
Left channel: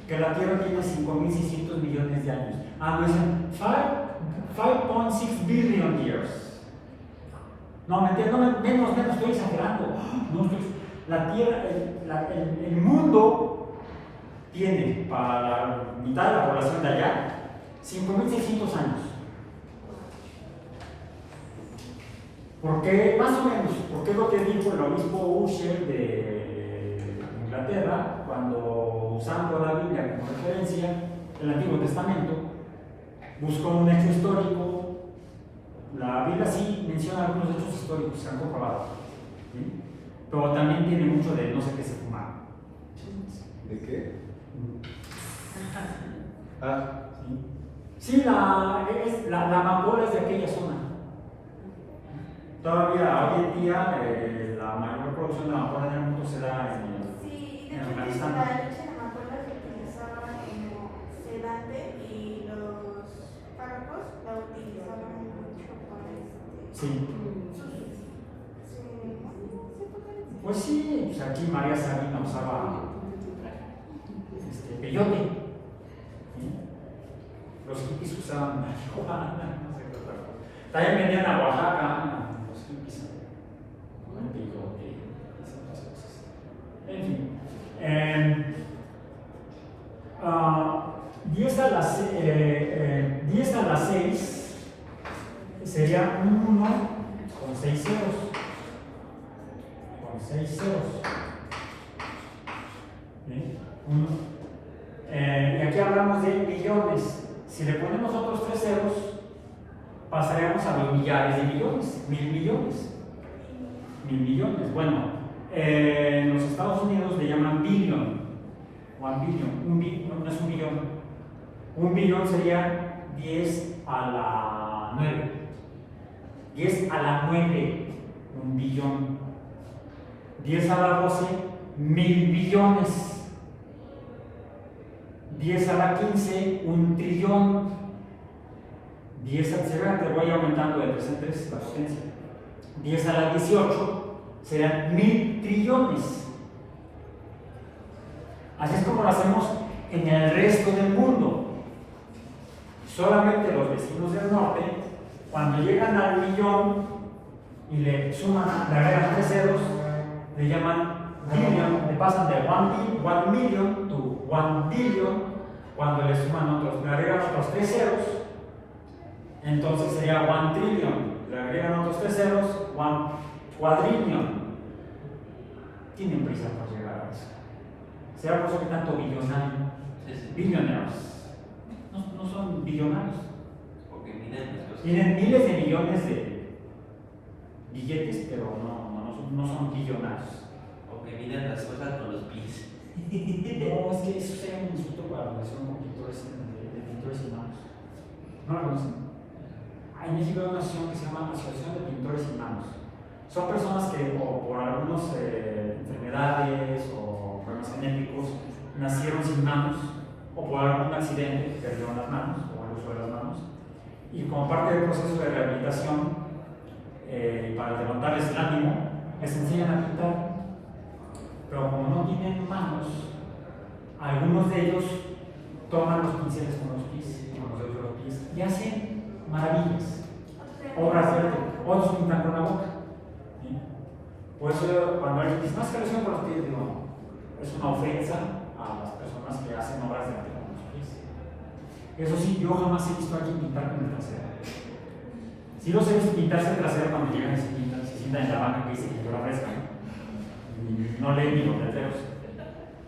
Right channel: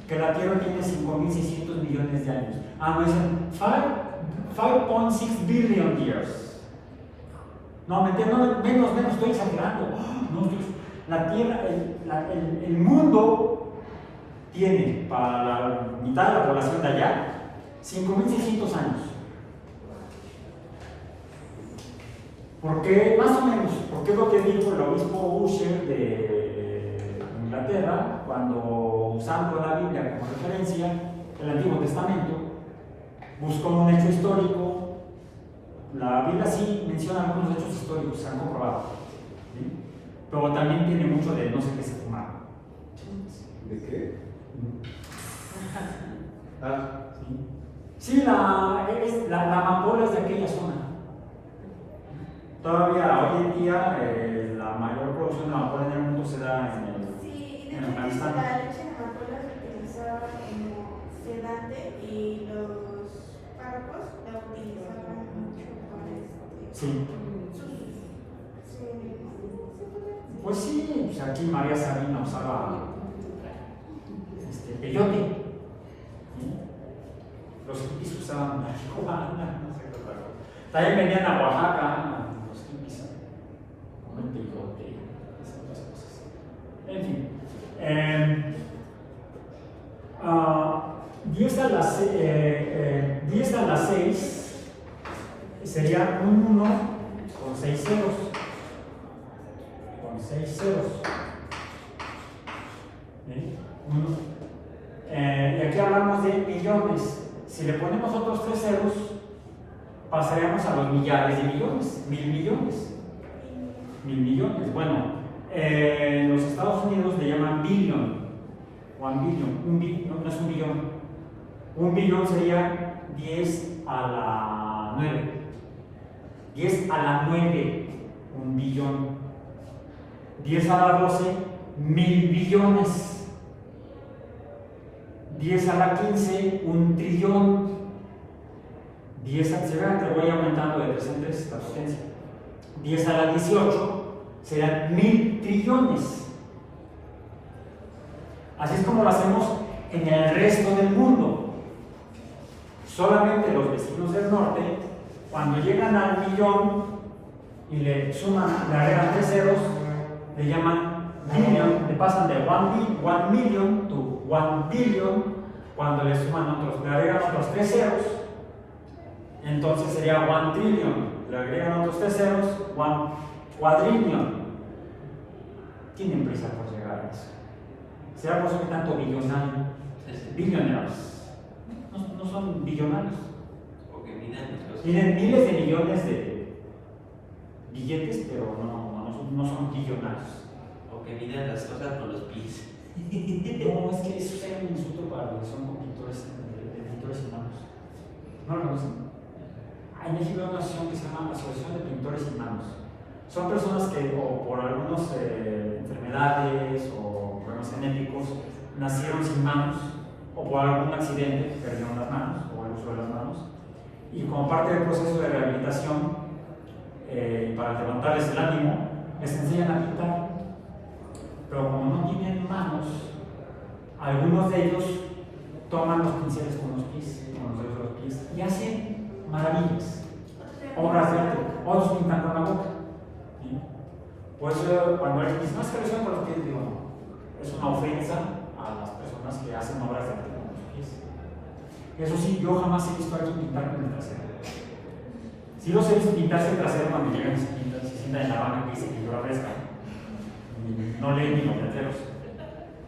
Que la Tierra tiene 5.600 millones de años. No dicen 5.6 billion years. No, menos, estoy exagerando. No, la Tierra, el mundo tiene para la mitad de la población de allá 5.600 años. ¿Por qué? Más o menos, porque es lo que dijo el obispo Usher de Inglaterra cuando, usando la Biblia como referencia, el Antiguo Testamento, buscó un hecho histórico. La Biblia sí menciona algunos hechos históricos, se han comprobado, ¿sí? Pero también tiene mucho de no sé qué se fumaron. ¿De qué? Sí, la amapola es de aquella zona. Todavía hoy en día la mayor producción de amapola en el mundo se da en Afganistán. La leche de amapola se utilizaba como sedante y los párrocos la utilizaban mucho para Sí. Pues sí, pues aquí María Sabina usaba peyote. ¿Sí? Los hippies usaban marihuana, no sé qué otra cosa. También venían a Oaxaca los hippies. Un peyote, esas cosas. En fin. 10 a la 6 sería un 1 con 6 ceros. Con 6 ceros. ¿Bien? Y aquí hablamos de millones. Si le ponemos otros 3 ceros, pasaríamos a los millares de millones, 1000 millones. 1000 millones. Bueno, en los Estados Unidos le llaman billion. 1 billion. No es un billón. Un billón sería 10 a la 9. 10 a la 9, un billón. 10 a la 12, 1000 billones. 10 a la 15, un trillón. 10 a la, te voy aumentando de 3 en 3 la potencia. 10 a la 18 serán 1000 trillones. Así es como lo hacemos en el resto del mundo. Solamente los vecinos del norte, cuando llegan al millón y le suman, le agregan 3 ceros, le llaman billion, le pasan de 1 million to 1 billion. Cuando le suman otros, le agregan otros 3 ceros, entonces sería 1 trillion. Le agregan otros 3 ceros, 1 quadrillion. Tienen prisa por llegar a eso. ¿Será por eso que tanto billonario? Billionaires. No son billonarios. Porque miden Tienen miles de millones de billetes, pero no son billonarios. porque miden las cosas con los pies. No, es que eso sería un insulto para los que son pintores de pintores y manos. ¿No lo conocen? En México hay una asociación que se llama Asociación de Pintores y Manos. Son personas que, o por algunas enfermedades o problemas genéticos, nacieron sin manos, o por algún accidente perdieron las manos, o el uso de las manos, y como parte del proceso de rehabilitación, para levantarles el ánimo, les enseñan a pintar. Pero como no tienen manos, algunos de ellos toman los pinceles con los pies, con los dedos de los pies, y hacen maravillas, obras de arte. Otros pintan con la boca. ¿Sí? Por eso cuando alguien dice, no, es que lo hacen con los pies, digo, no, es una ofensa a las personas que hacen obras de arte con los pies. Eso sí, yo jamás he visto a alguien pintar con el trasero. Sí los he visto pintarse el trasero cuando llegan y se sientan en la banca que dice pintura fresca, no leen ni los letreros.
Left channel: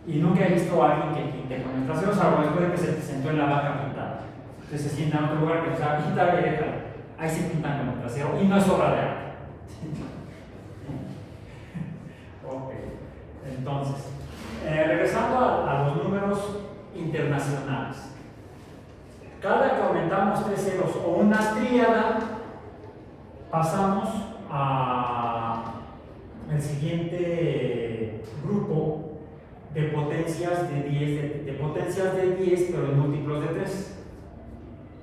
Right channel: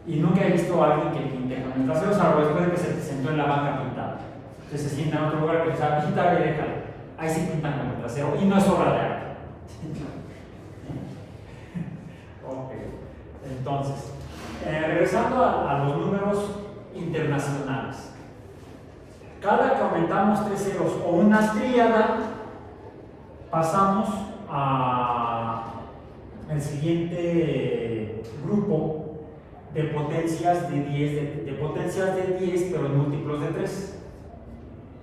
Y nunca he visto a alguien que pinte con el trasero, salvo después de que se sentó en la banca pintando. Entonces se sienta en otro lugar que dice, quítale, déjale. Ahí sí pintan con el trasero y no es obra de arte. Ok, entonces, regresando a los números internacionales. Cada que aumentamos 3 ceros o una tríada, pasamos a el siguiente grupo de potencias de 10, de potencias de 10, pero en múltiplos de 3.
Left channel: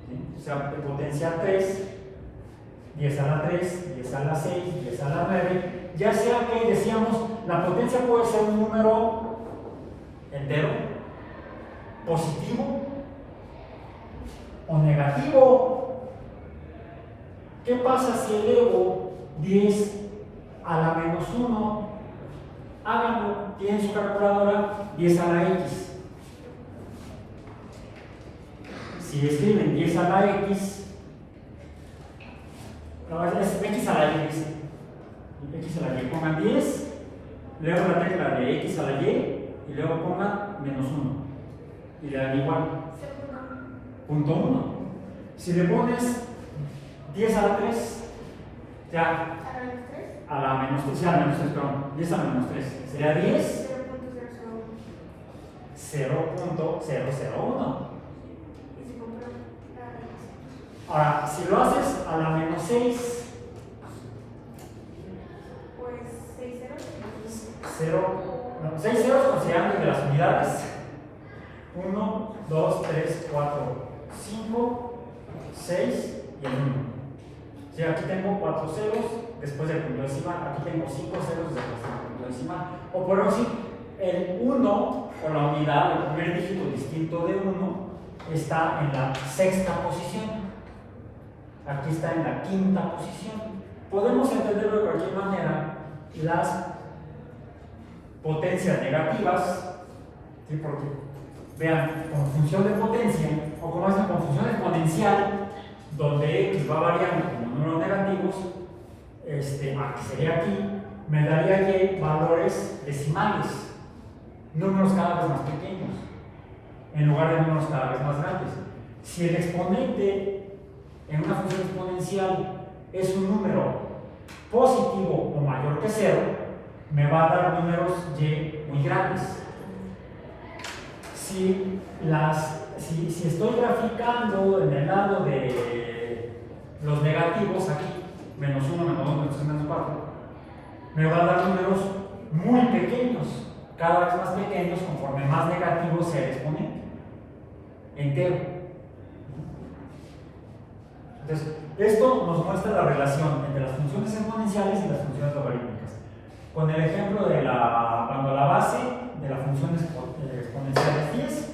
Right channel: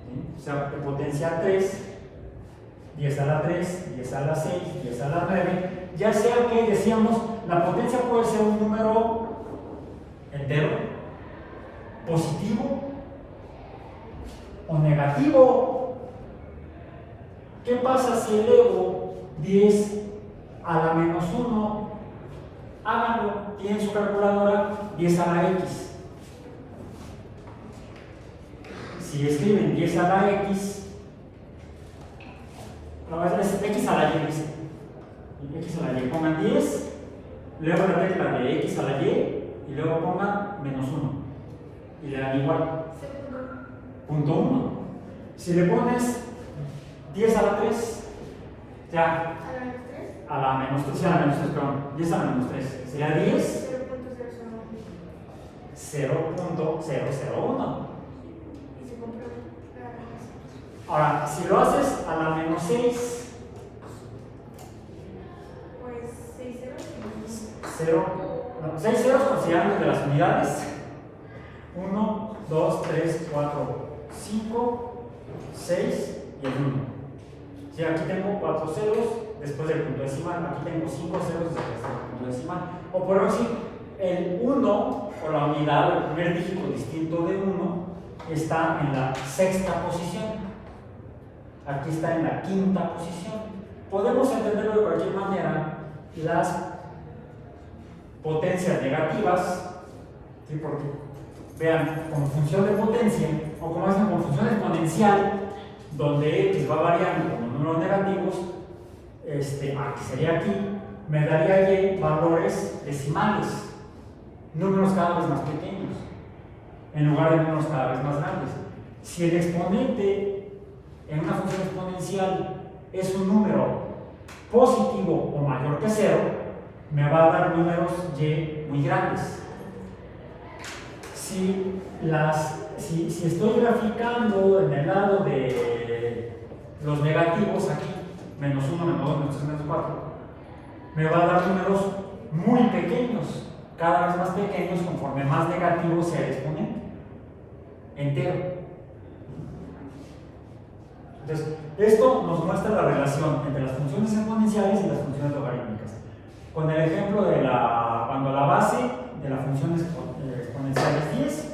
¿Sí? O sea, de potencia 3, 10 a la 3, 10 a la 6, 10 a la 9, ya sea que decíamos, la potencia puede ser un número entero, positivo o negativo. ¿Qué pasa si elevo 10 a la menos 1? Háganlo, tienen su calculadora, 10 a la x. Si escriben 10 a la x, no, es x a la y, dice. X a la y, pongan 10, luego la tecla de x a la y, y luego pongan menos 1. Y le dan igual. Punto 1. Si le pones 10 a la 3, ya. A la menos 3, sí, a la menos 3, perdón. 10 a la menos 3. Sería 10. 0.001. Ahora, si lo haces a la menos 6, Pues 6 0, 6 ceros considerando de las unidades. 1, 2, 3, 4, 5, 6 y el 1. Si aquí tengo 4 ceros después del punto decimal, aquí tengo 5 ceros después del punto decimal. O por decir, el 1 o la unidad, el primer dígito distinto de 1, está en la sexta posición. Aquí está en la quinta posición. Podemos entenderlo de cualquier manera. Las potencias negativas, ¿sí? Porque vean, con función de potencia, o como dicen, con función exponencial, donde x va variando como números negativos, aquí sería aquí, me daría Y valores decimales, números cada vez más pequeños, en lugar de números cada vez más grandes. Si el exponente en una función exponencial es un número positivo o mayor que 0, me va a dar números Y muy grandes. Si estoy graficando en el lado de los negativos, aquí, menos 1, menos 2, menos 3, menos 4, me va a dar números muy pequeños, cada vez más pequeños conforme más negativo sea el exponente entero. Entonces, esto nos muestra la relación entre las funciones exponenciales y las funciones logarítmicas. Con el ejemplo de cuando la base de la función exponencial es 10,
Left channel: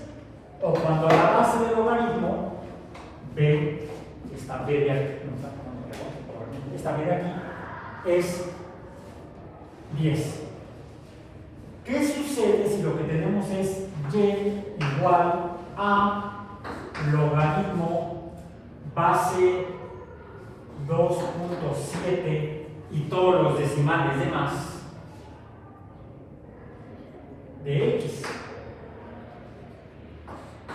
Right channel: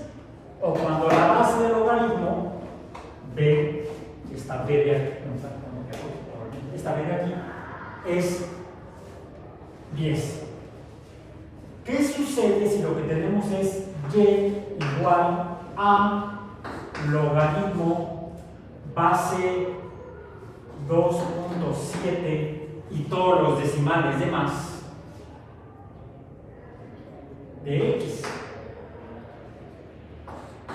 o cuando la base del logaritmo, esta B de aquí, es 10. ¿Qué sucede si lo que tenemos es Y igual a logaritmo base 2.7 y todos los decimales de más de X?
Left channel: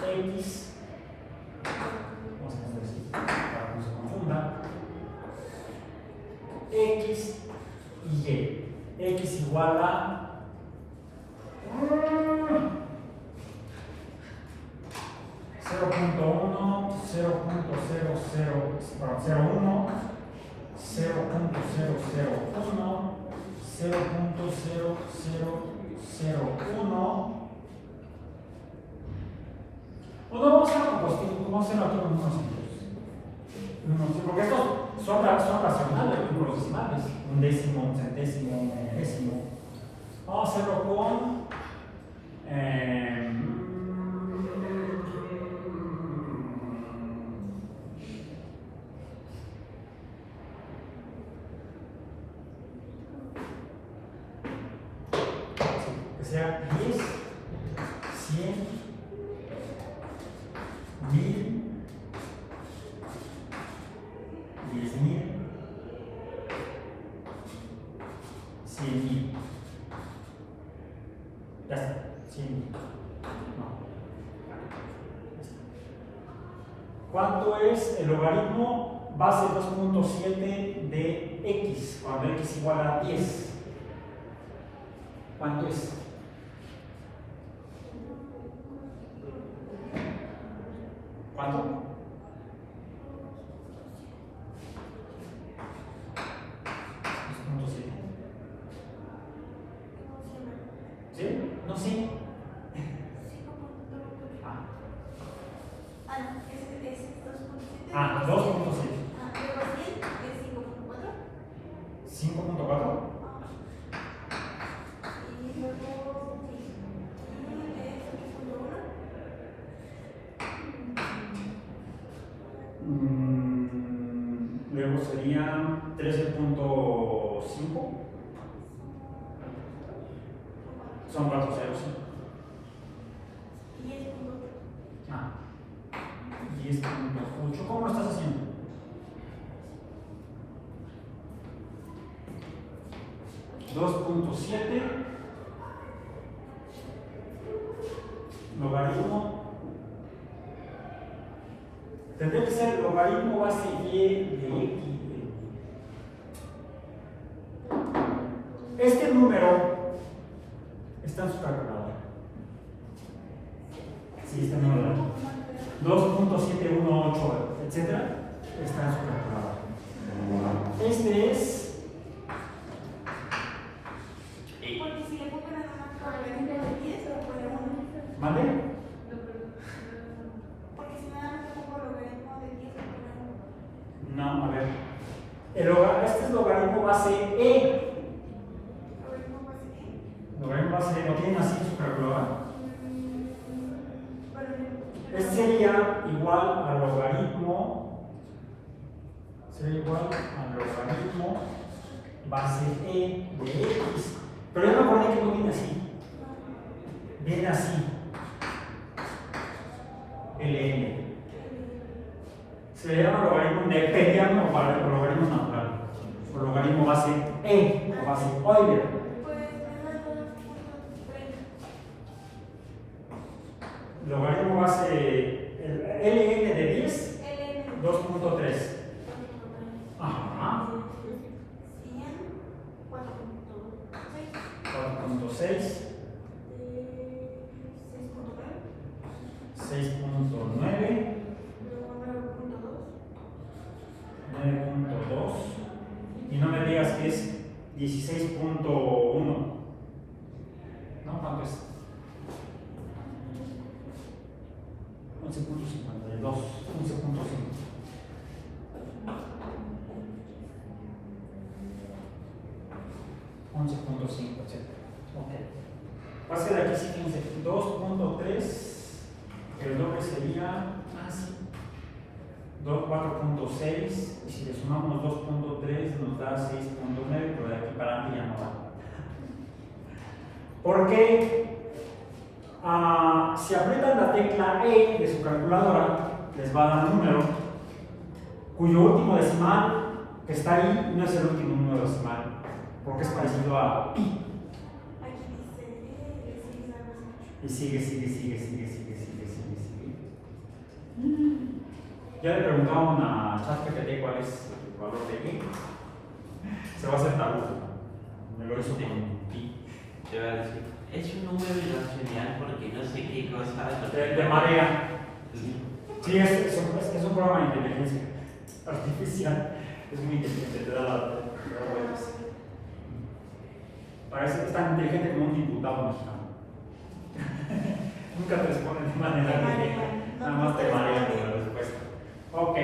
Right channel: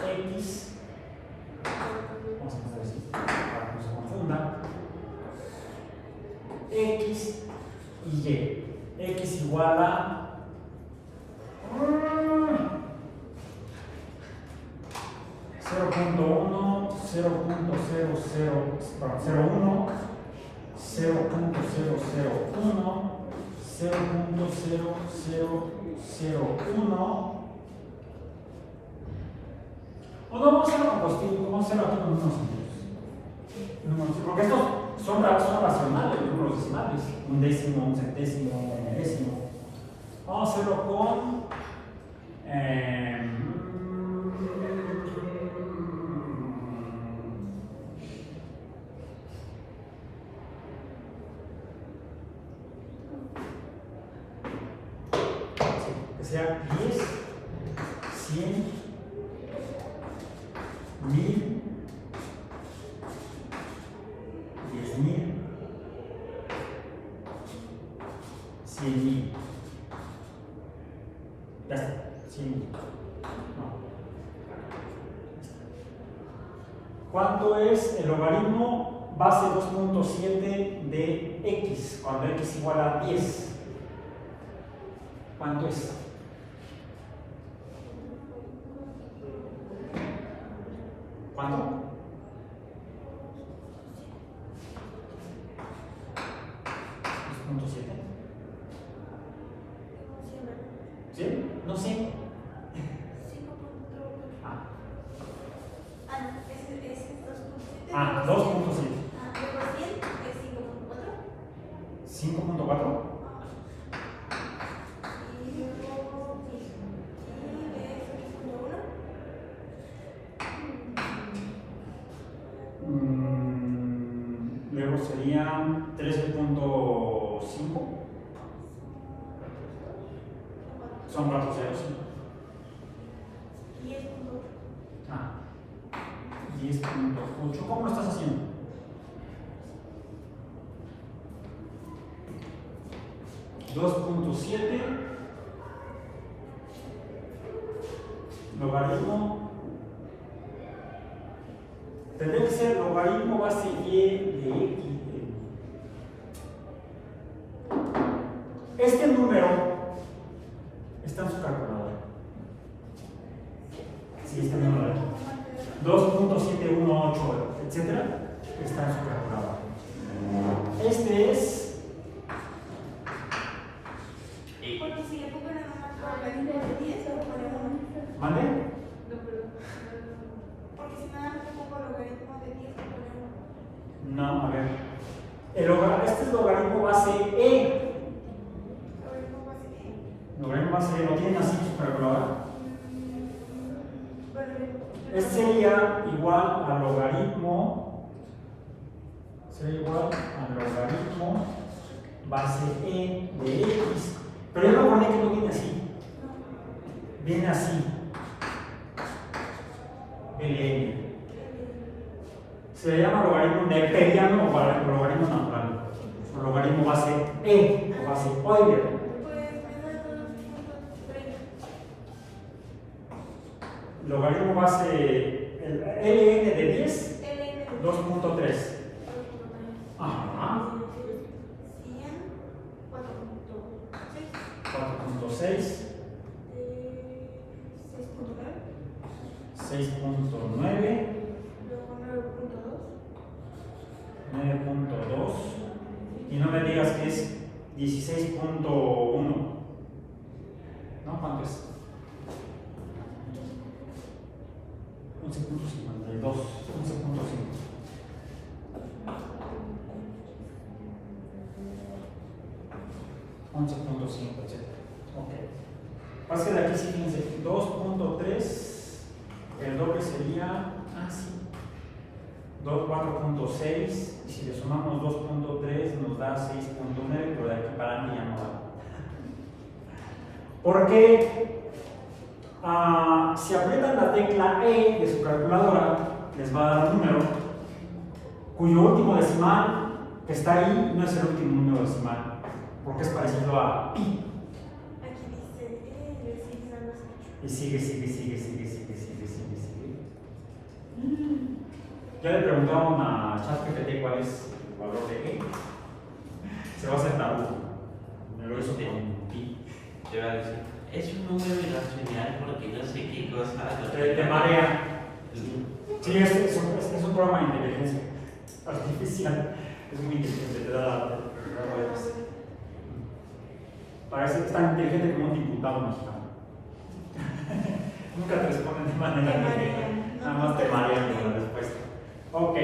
X, vamos a poner así para que no se confunda, X y Y. X igual a 0.1, 0.001, 0.0001, o no, vamos a hacerlo con positivos, vamos a hacerlo aquí con números enteros. Porque estos son racionales, números decimales, un décimo, un centésimo, un milésimo. Vamos a hacerlo con que sea 10, 100, 1000, 10.000, 100.000. Ya está, 100.000. No. ¿Cuánto es el logaritmo base 2.7 de X cuando X igual a 10? ¿Cuánto es? ¿Cuánto? 2.7. ¿Sí? No sé. Ah, 2.7. 5.4. Luego serían 13.5. Son 4 ceros. 10.8. ¿Cómo lo estás haciendo? $2.7 logaritmo. Tendría que ser logaritmo base Y de X. Este número está en su calculadora. Sí, está en el número 2.718, etcétera, está en su calculadora. Este es. Porque si le pongo nada más logaritmo de 10, le pone 1. ¿Mande? Porque si nada más le pongo logaritmo de 10, le pone 1. No, a ver. Este es logaritmo base E. Logaritmo base E. Logaritmo base E, ¿lo tienen así su calculadora? Este sería igual a logaritmo. Sería igual a logaritmo base E de X. Pero ya me acordé que no viene así. Viene así. LN. Se le llama logaritmo neperiano o logaritmo natural. logaritmo base E o base Euler. Pues me da 2.30. Logaritmo base el ln de 10, LN 2.3. Ajá. 4.6, 6.9, luego 9.2, 9.2, y no me digas que es 16.1. ¿No? ¿Cuánto es? 11.52, 11.5. 11.5, etc. Ok. Pase de aquí, sí, fíjense, 2.3, el doble sería, sí, 4.6, y si le sumamos 2.3 nos da 6.9, pero de aquí para adelante ya no va. Porque si aprietan la tecla E de su calculadora, les va a dar un número cuyo último decimal que está ahí no es el último número decimal, porque es parecido a pi. aquí dice Y sigue. Ya le preguntaron a ChatGPT cuál es el valor de E. Se va a hacer tabú. Me lo hizo con pi. Te va a decir, es un número irracional porque no sé qué cosa. De marea. Sí, es un programa de inteligencia artificial. Es muy inteligente, te da vueltas. Parece que es tan inteligente como un diputado mexicano. Nunca te responden de manera inteligente, nada más te marean con la respuesta. Ok,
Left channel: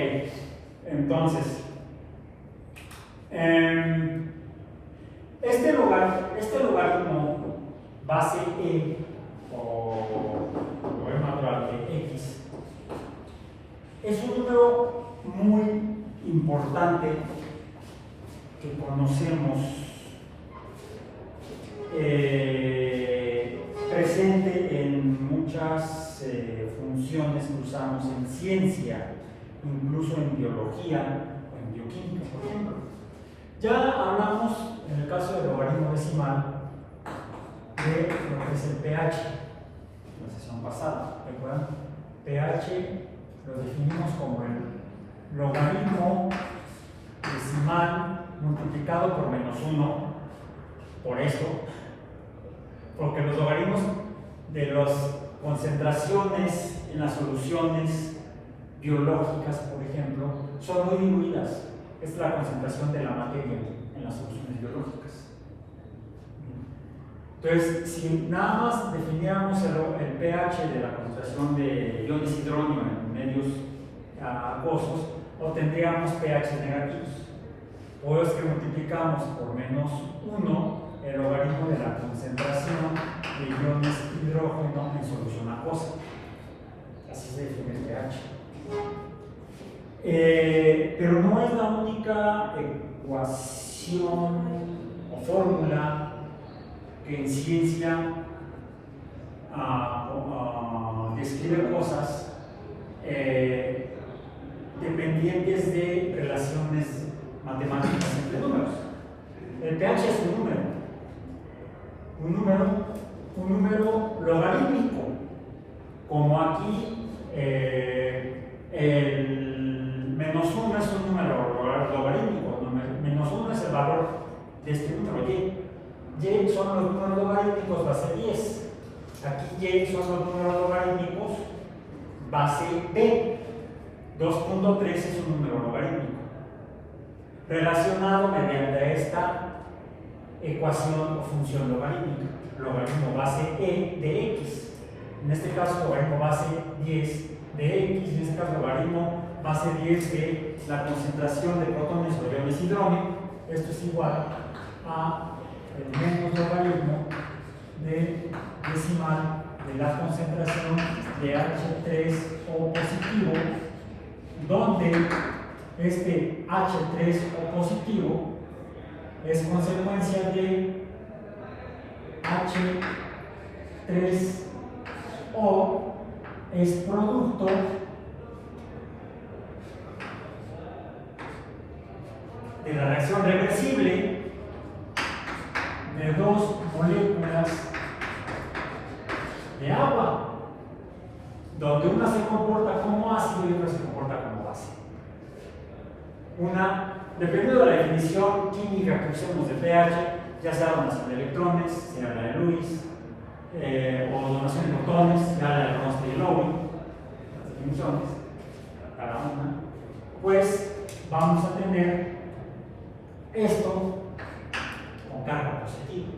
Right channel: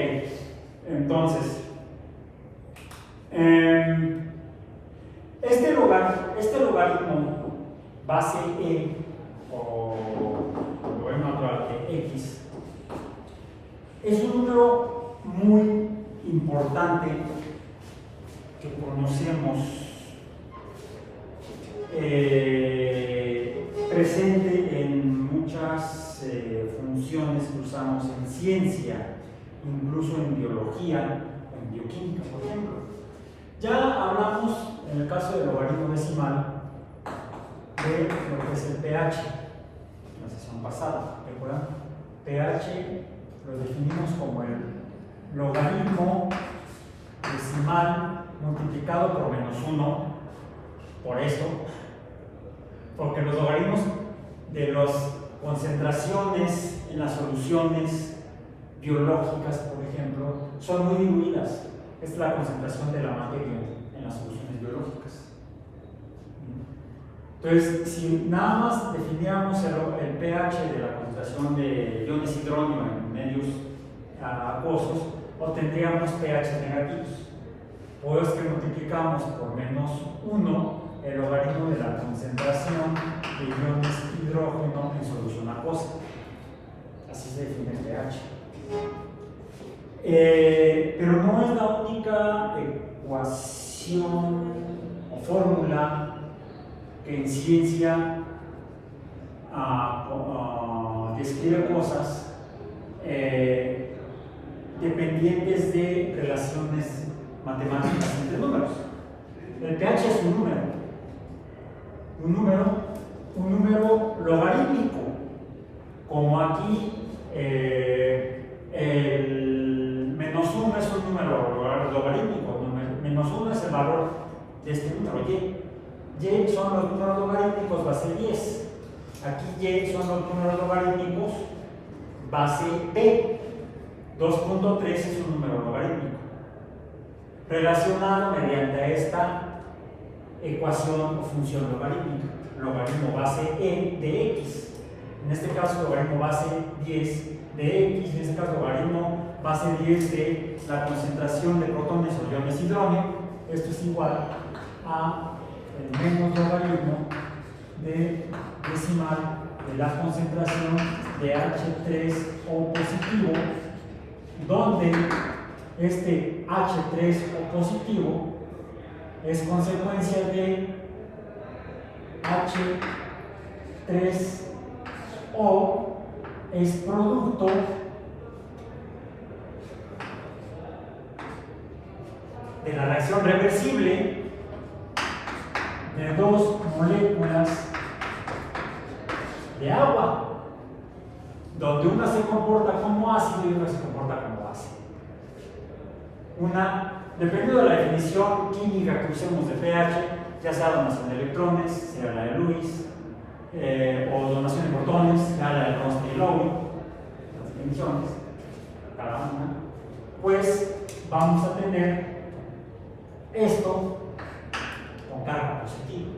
entonces, este logaritmo base E o logaritmo natural de X es un número muy importante que conocemos, presente en muchas funciones que usamos en ciencia, incluso en biología o en bioquímica, por ejemplo. Ya hablamos, en el caso del logaritmo decimal, de lo que es el pH, la sesión pasada, ¿recuerdan? pH lo definimos como el logaritmo decimal multiplicado por -1, por eso, porque los logaritmos de las concentraciones en las soluciones biológicas, por ejemplo, son muy diluidas. Es la concentración de la materia en las soluciones biológicas. Entonces, si nada más definiéramos el pH de la concentración de iones hidrógeno en medios acuosos, obtendríamos pH negativos. O es que multiplicamos por -1 el logaritmo de la concentración de iones hidrógeno en solución acuosa. Así se define el pH. Pero no es la única ecuación o fórmula que en ciencia describe cosas dependientes de relaciones matemáticas entre números. El pH es un número logarítmico, como aquí el -1 es un número logarítmico, -1 es el valor de este número y. Y son los números logarítmicos base 10. Aquí Y son los números logarítmicos base B. 2.3 es un número logarítmico relacionado mediante esta ecuación o función logarítmica, logaritmo base E de X. En este caso, logaritmo base 10 de X, en este caso, logaritmo base 10 de la concentración de protones o iones hidrógeno. Esto es igual a el menos logaritmo de decimal de la concentración de H3O positivo, donde este H3O positivo es consecuencia de H3O es producto de la reacción reversible de dos moléculas de agua, donde una se comporta como ácido y otra se comporta como base. Dependiendo de la definición química que usemos de pH, ya sea donación de electrones, sea la de Lewis, o donación de protones, ya la de Ronste y Lowry, las definiciones, cada una, pues vamos a tener esto con carga positiva.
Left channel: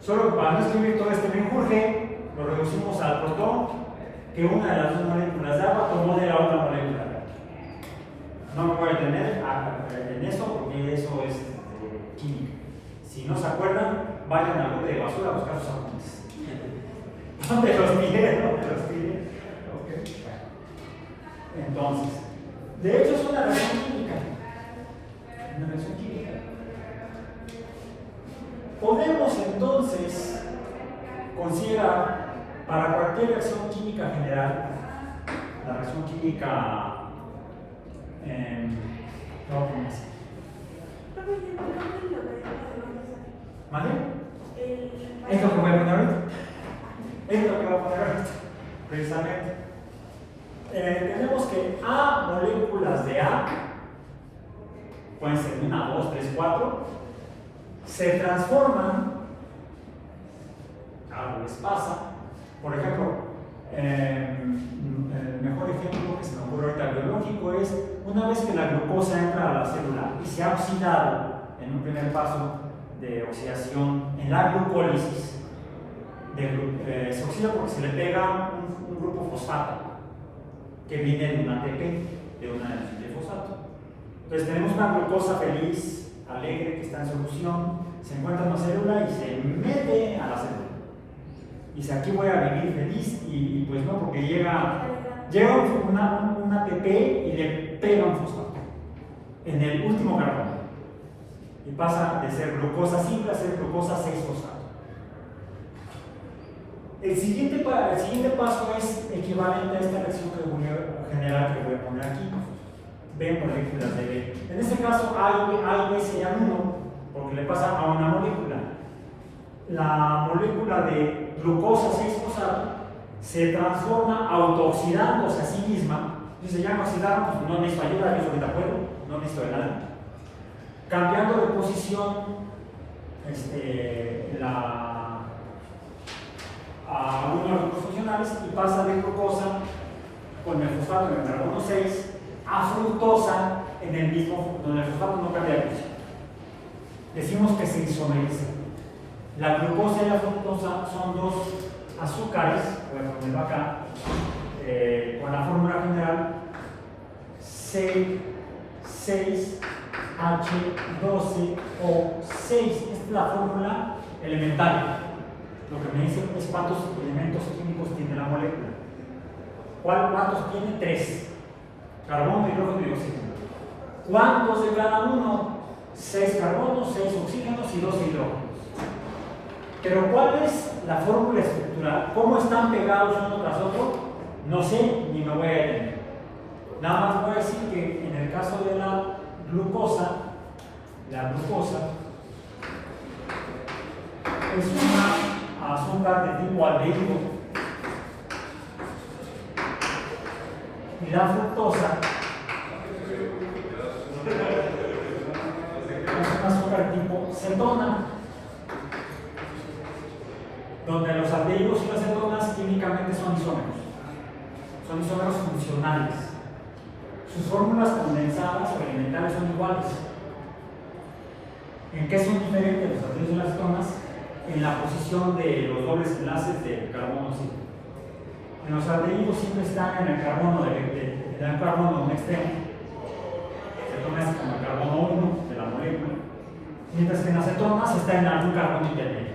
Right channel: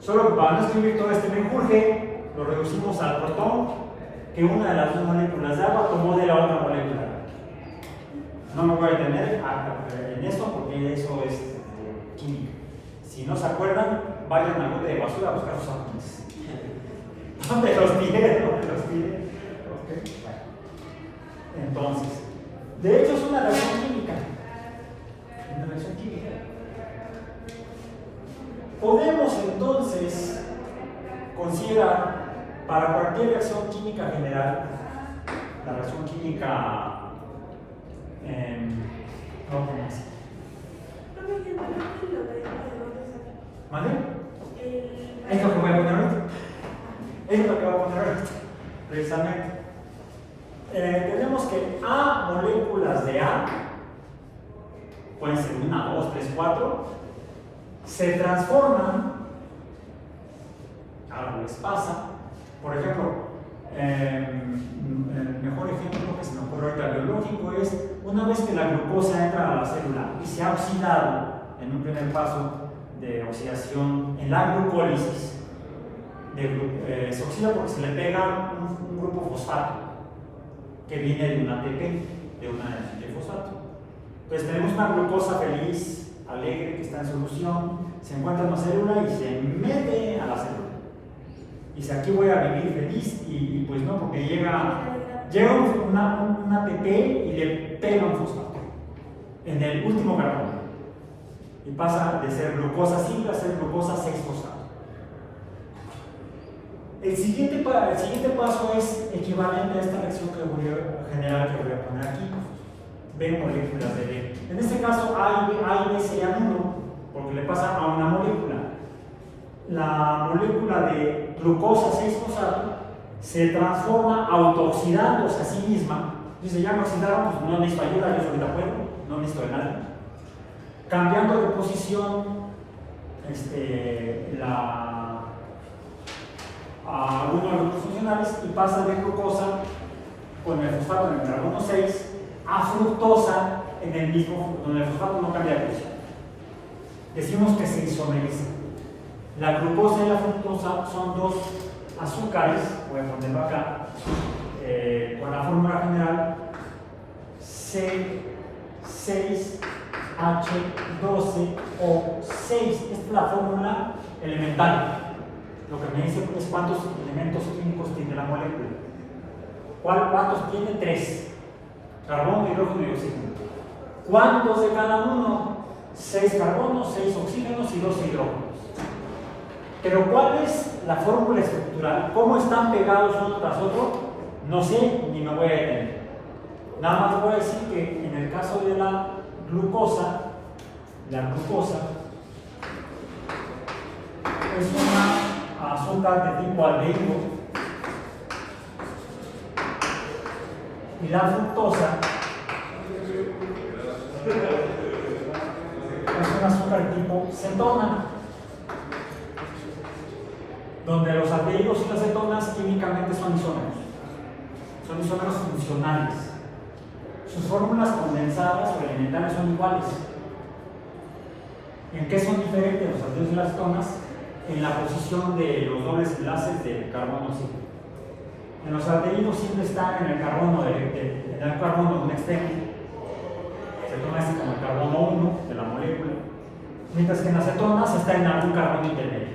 Solo que para no escribir todo este menjurje, lo reducimos al protón que una de las dos moléculas de agua tomó de la otra molécula. No me voy a detener en eso porque eso es química. Si no se acuerdan, vayan al bote de basura a buscar sus apuntes. ¿Dónde los tiré? ¿Dónde los tiré? Okay. Entonces, de hecho es una reacción química. Una reacción química. Podemos entonces considerar para cualquier reacción química general, la reacción química ¿vale? Es lo que voy a poner ahorita. Es lo que voy a poner ahorita, precisamente. Tenemos que A moléculas de A, pueden ser 1, 2, 3, 4, se transforman, algo les pasa. Por ejemplo, el mejor ejemplo que se me ocurre ahorita biológico es una vez que la glucosa entra a la célula y se ha oxidado en un primer paso de oxidación en la glucólisis, se oxida porque se le pega un grupo fosfato que viene de un ATP, de una de fosfato. Entonces tenemos una glucosa feliz, alegre, que está en solución, se encuentra en la célula y se mete a la célula. Y dice, aquí voy a vivir feliz, y pues no, porque llega un ATP y le pega un fosfato en el último carbono. Y pasa de ser glucosa simple a ser glucosa 6-fosfato. El siguiente paso es equivalente a esta reacción general que voy a poner aquí. B moléculas de B. En este caso, A y B serían 1, porque le pasa a una molécula. La molécula de glucosa 6-fosfato se transforma autooxidándose a sí misma. Dice, ya no oxidaba, pues no necesito ayuda, yo ahorita puedo, no necesito de nada. Cambiando de posición a algunos grupos funcionales y pasa de glucosa con el fosfato en el carbono 6 a fructosa en el mismo, donde el fosfato no cambia de posición. Decimos que se isomeriza. La glucosa y la fructosa son dos azúcares, voy a ponerlo acá, con la fórmula general C6H12O6. Esta es la fórmula elemental. Lo que me dice es cuántos elementos químicos tiene la molécula. ¿Cuántos tiene? 3. Carbono, hidrógeno y oxígeno. ¿Cuántos de cada uno? 6 carbonos, 6 oxígenos y 12 hidrógenos. Pero ¿cuál es la fórmula estructural? ¿Cómo están pegados uno tras otro? No sé, ni me voy a detener. Nada más voy a decir que en el caso de la glucosa es una azúcar de tipo aldehído. Y la fructosa es un azúcar tipo cetona, donde los aldehídos y las cetonas químicamente son isómeros funcionales. Sus fórmulas condensadas o elementales son iguales. ¿En qué son diferentes los aldehídos y las cetonas? En la posición de los dobles enlaces del carbono simple. En los aldehídos siempre están en el carbono externo. Se toma así como el carbono 1 de la molécula. Mientras que en las cetonas está en algún carbono intermedio.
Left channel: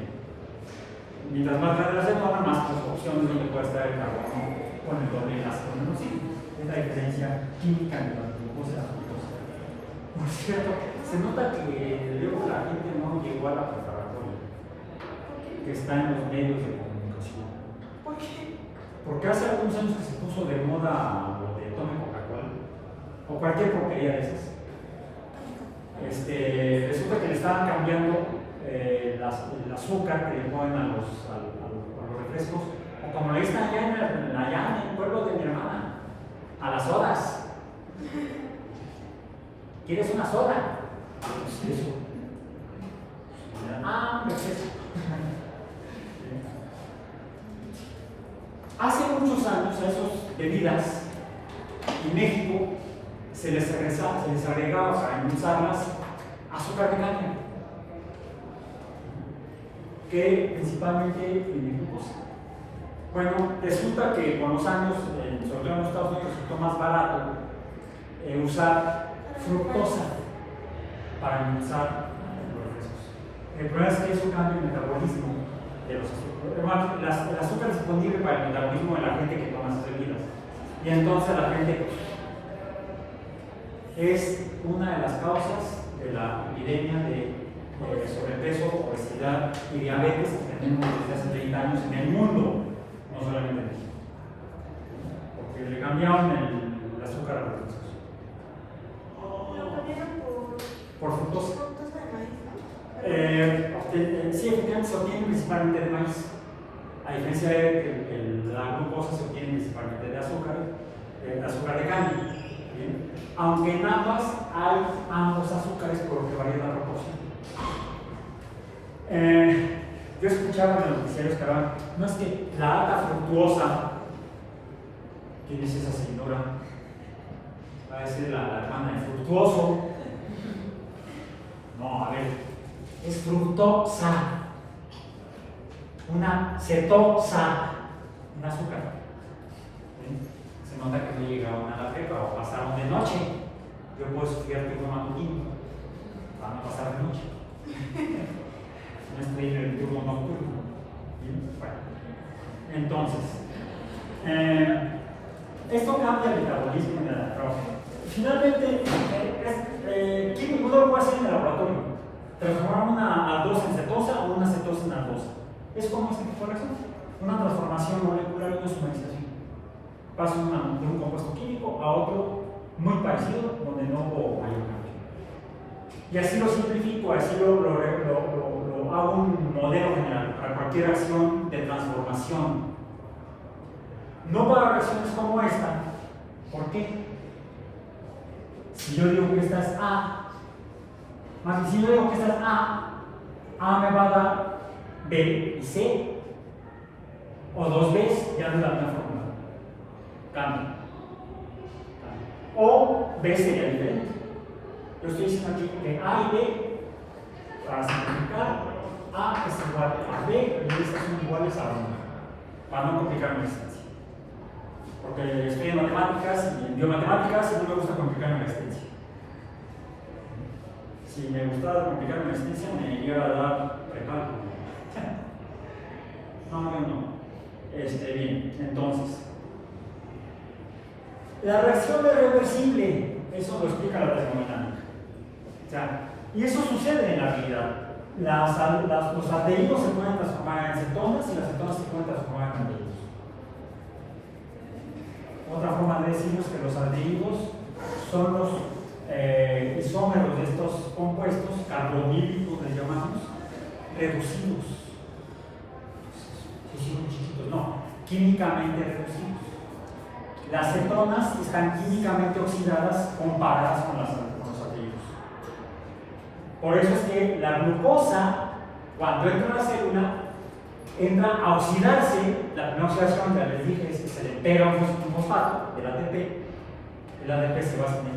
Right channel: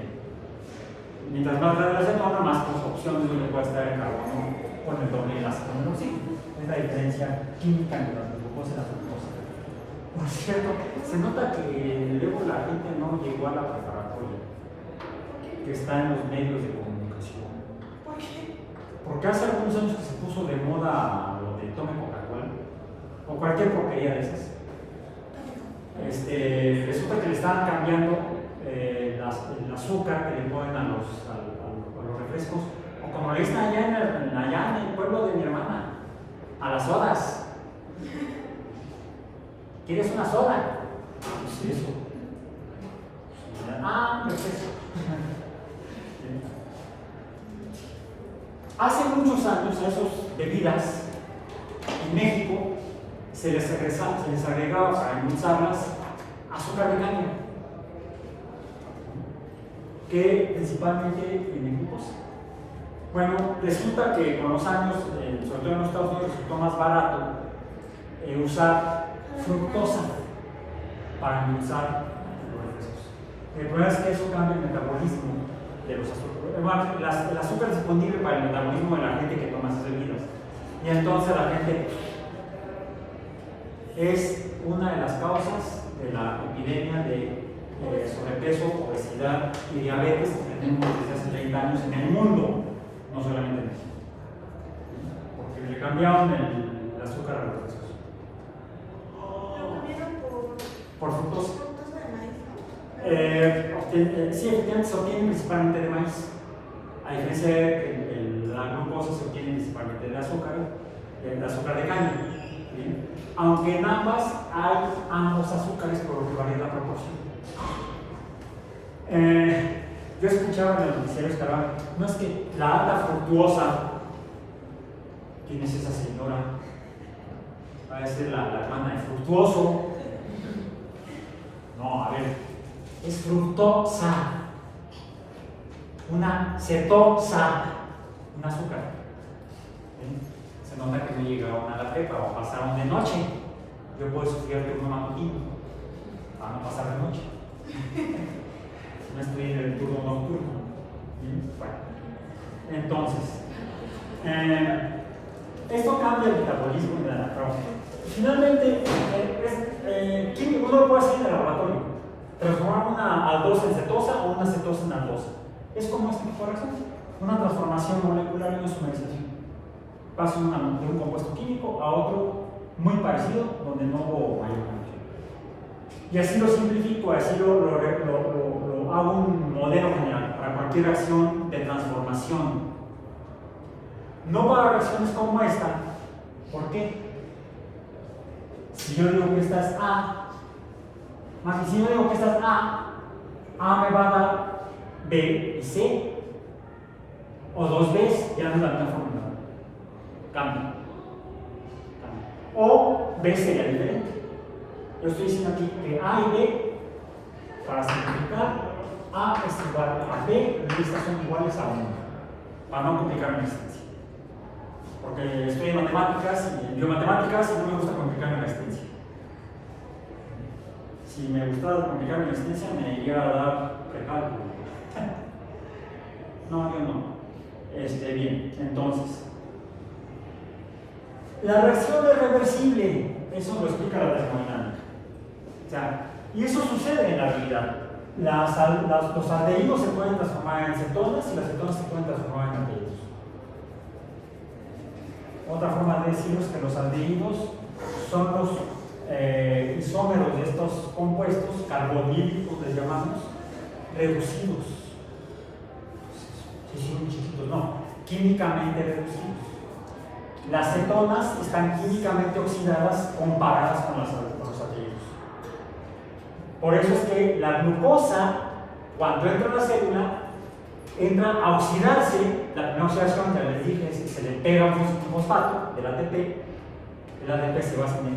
Mientras más grande la cetona, más opciones donde puede estar el carbono con el doble enlace con el oxígeno. Es la diferencia química entre la glucosa y la fructosa. Por cierto, se nota que luego la gente no llegó a la preparatoria, que está en los medios de comunicación. ¿Por qué? Porque hace algunos años que se puso de moda lo de tome Coca-Cola, o cualquier porquería de esas. Resulta que le estaban cambiando el azúcar que le ponen a los refrescos, o como le dicen allá en el pueblo de mi hermana, a las sodas. ¿Quieres una soda? Sí, eso. Pues eso. Hace muchos años a esas bebidas en México se les agregaba para endulzarlas azúcar de caña, que principalmente tiene glucosa. Bueno, resulta que con los años, sobre todo en los Estados Unidos, resultó más barato usar fructosa para endulzar los refrescos. El problema es que eso cambia el metabolismo de los azúcares. El azúcar es disponible para el metabolismo de la gente que toma esas bebidas. Y entonces la gente es una de las causas de la epidemia de sobrepeso, obesidad y diabetes que tenemos desde hace 30 años en el mundo, no solamente en México. Porque le cambiaron el azúcar a los refrescos. Lo cambiaron Por fructosa. fructosa de maíz, ¿no? Sí, efectivamente se obtiene principalmente de maíz. A diferencia de que la glucosa se obtiene principalmente de azúcar de caña. ¿Bien? Aunque en ambas hay ambos azúcares, por lo que varía la proporción. Yo escuchaba en los noticieros que hablaban, no es que la alta fructuosa, tienes esa señora, parece la hermana de Fructuoso. No, a ver, es fructosa, una cetosa, un azúcar. Se nota que no llegaron a la prepa o pasaron de noche. Yo puedo estudiar turno matutino para no pasar de noche. No estoy en el turno nocturno. Bueno, entonces, esto cambia el metabolismo de la droga. Finalmente, uno lo puede hacer en el laboratorio, transformar una aldosa en cetosa o una cetosa en aldosa. Es como este tipo de reacción, una transformación molecular y una sumerización. Pasa de un compuesto químico a otro muy parecido, donde no hubo mayor cambio. Y así lo simplifico, así lo hago un modelo general para cualquier acción de transformación. No para reacciones como esta. ¿Por qué? Si yo digo que esta es A, más que si yo digo que esta es A me va a dar B y C, o dos B's, ya no es la misma fórmula. Cambia. O B sería diferente. Yo estoy diciendo aquí que A y B, para simplificar, A es igual a B y estas son iguales a 1, para no complicar la existencia. Porque estoy en matemáticas y en biomatemáticas y no me gusta complicar la existencia. Si me gustara complicar la existencia, me iría a dar precálculo. No, yo no. Bien, entonces, la reacción es reversible, eso lo explica la termodinámica. O sea, y eso sucede en la realidad. Los aldehídos se pueden transformar en cetonas y las cetonas se pueden transformar en aldehídos. Otra forma de decirlo es que los aldehídos son los isómeros de estos compuestos, carbonílicos les llamamos, reducidos. Sí, muy chiquitos, no, químicamente reducidos. Las cetonas están químicamente oxidadas comparadas con los aldehídos. Por eso es que la glucosa, cuando entra en la célula, entra a oxidarse. La primera oxidación, ya les dije, es que se le pega un fosfato del ATP. El ATP se basa en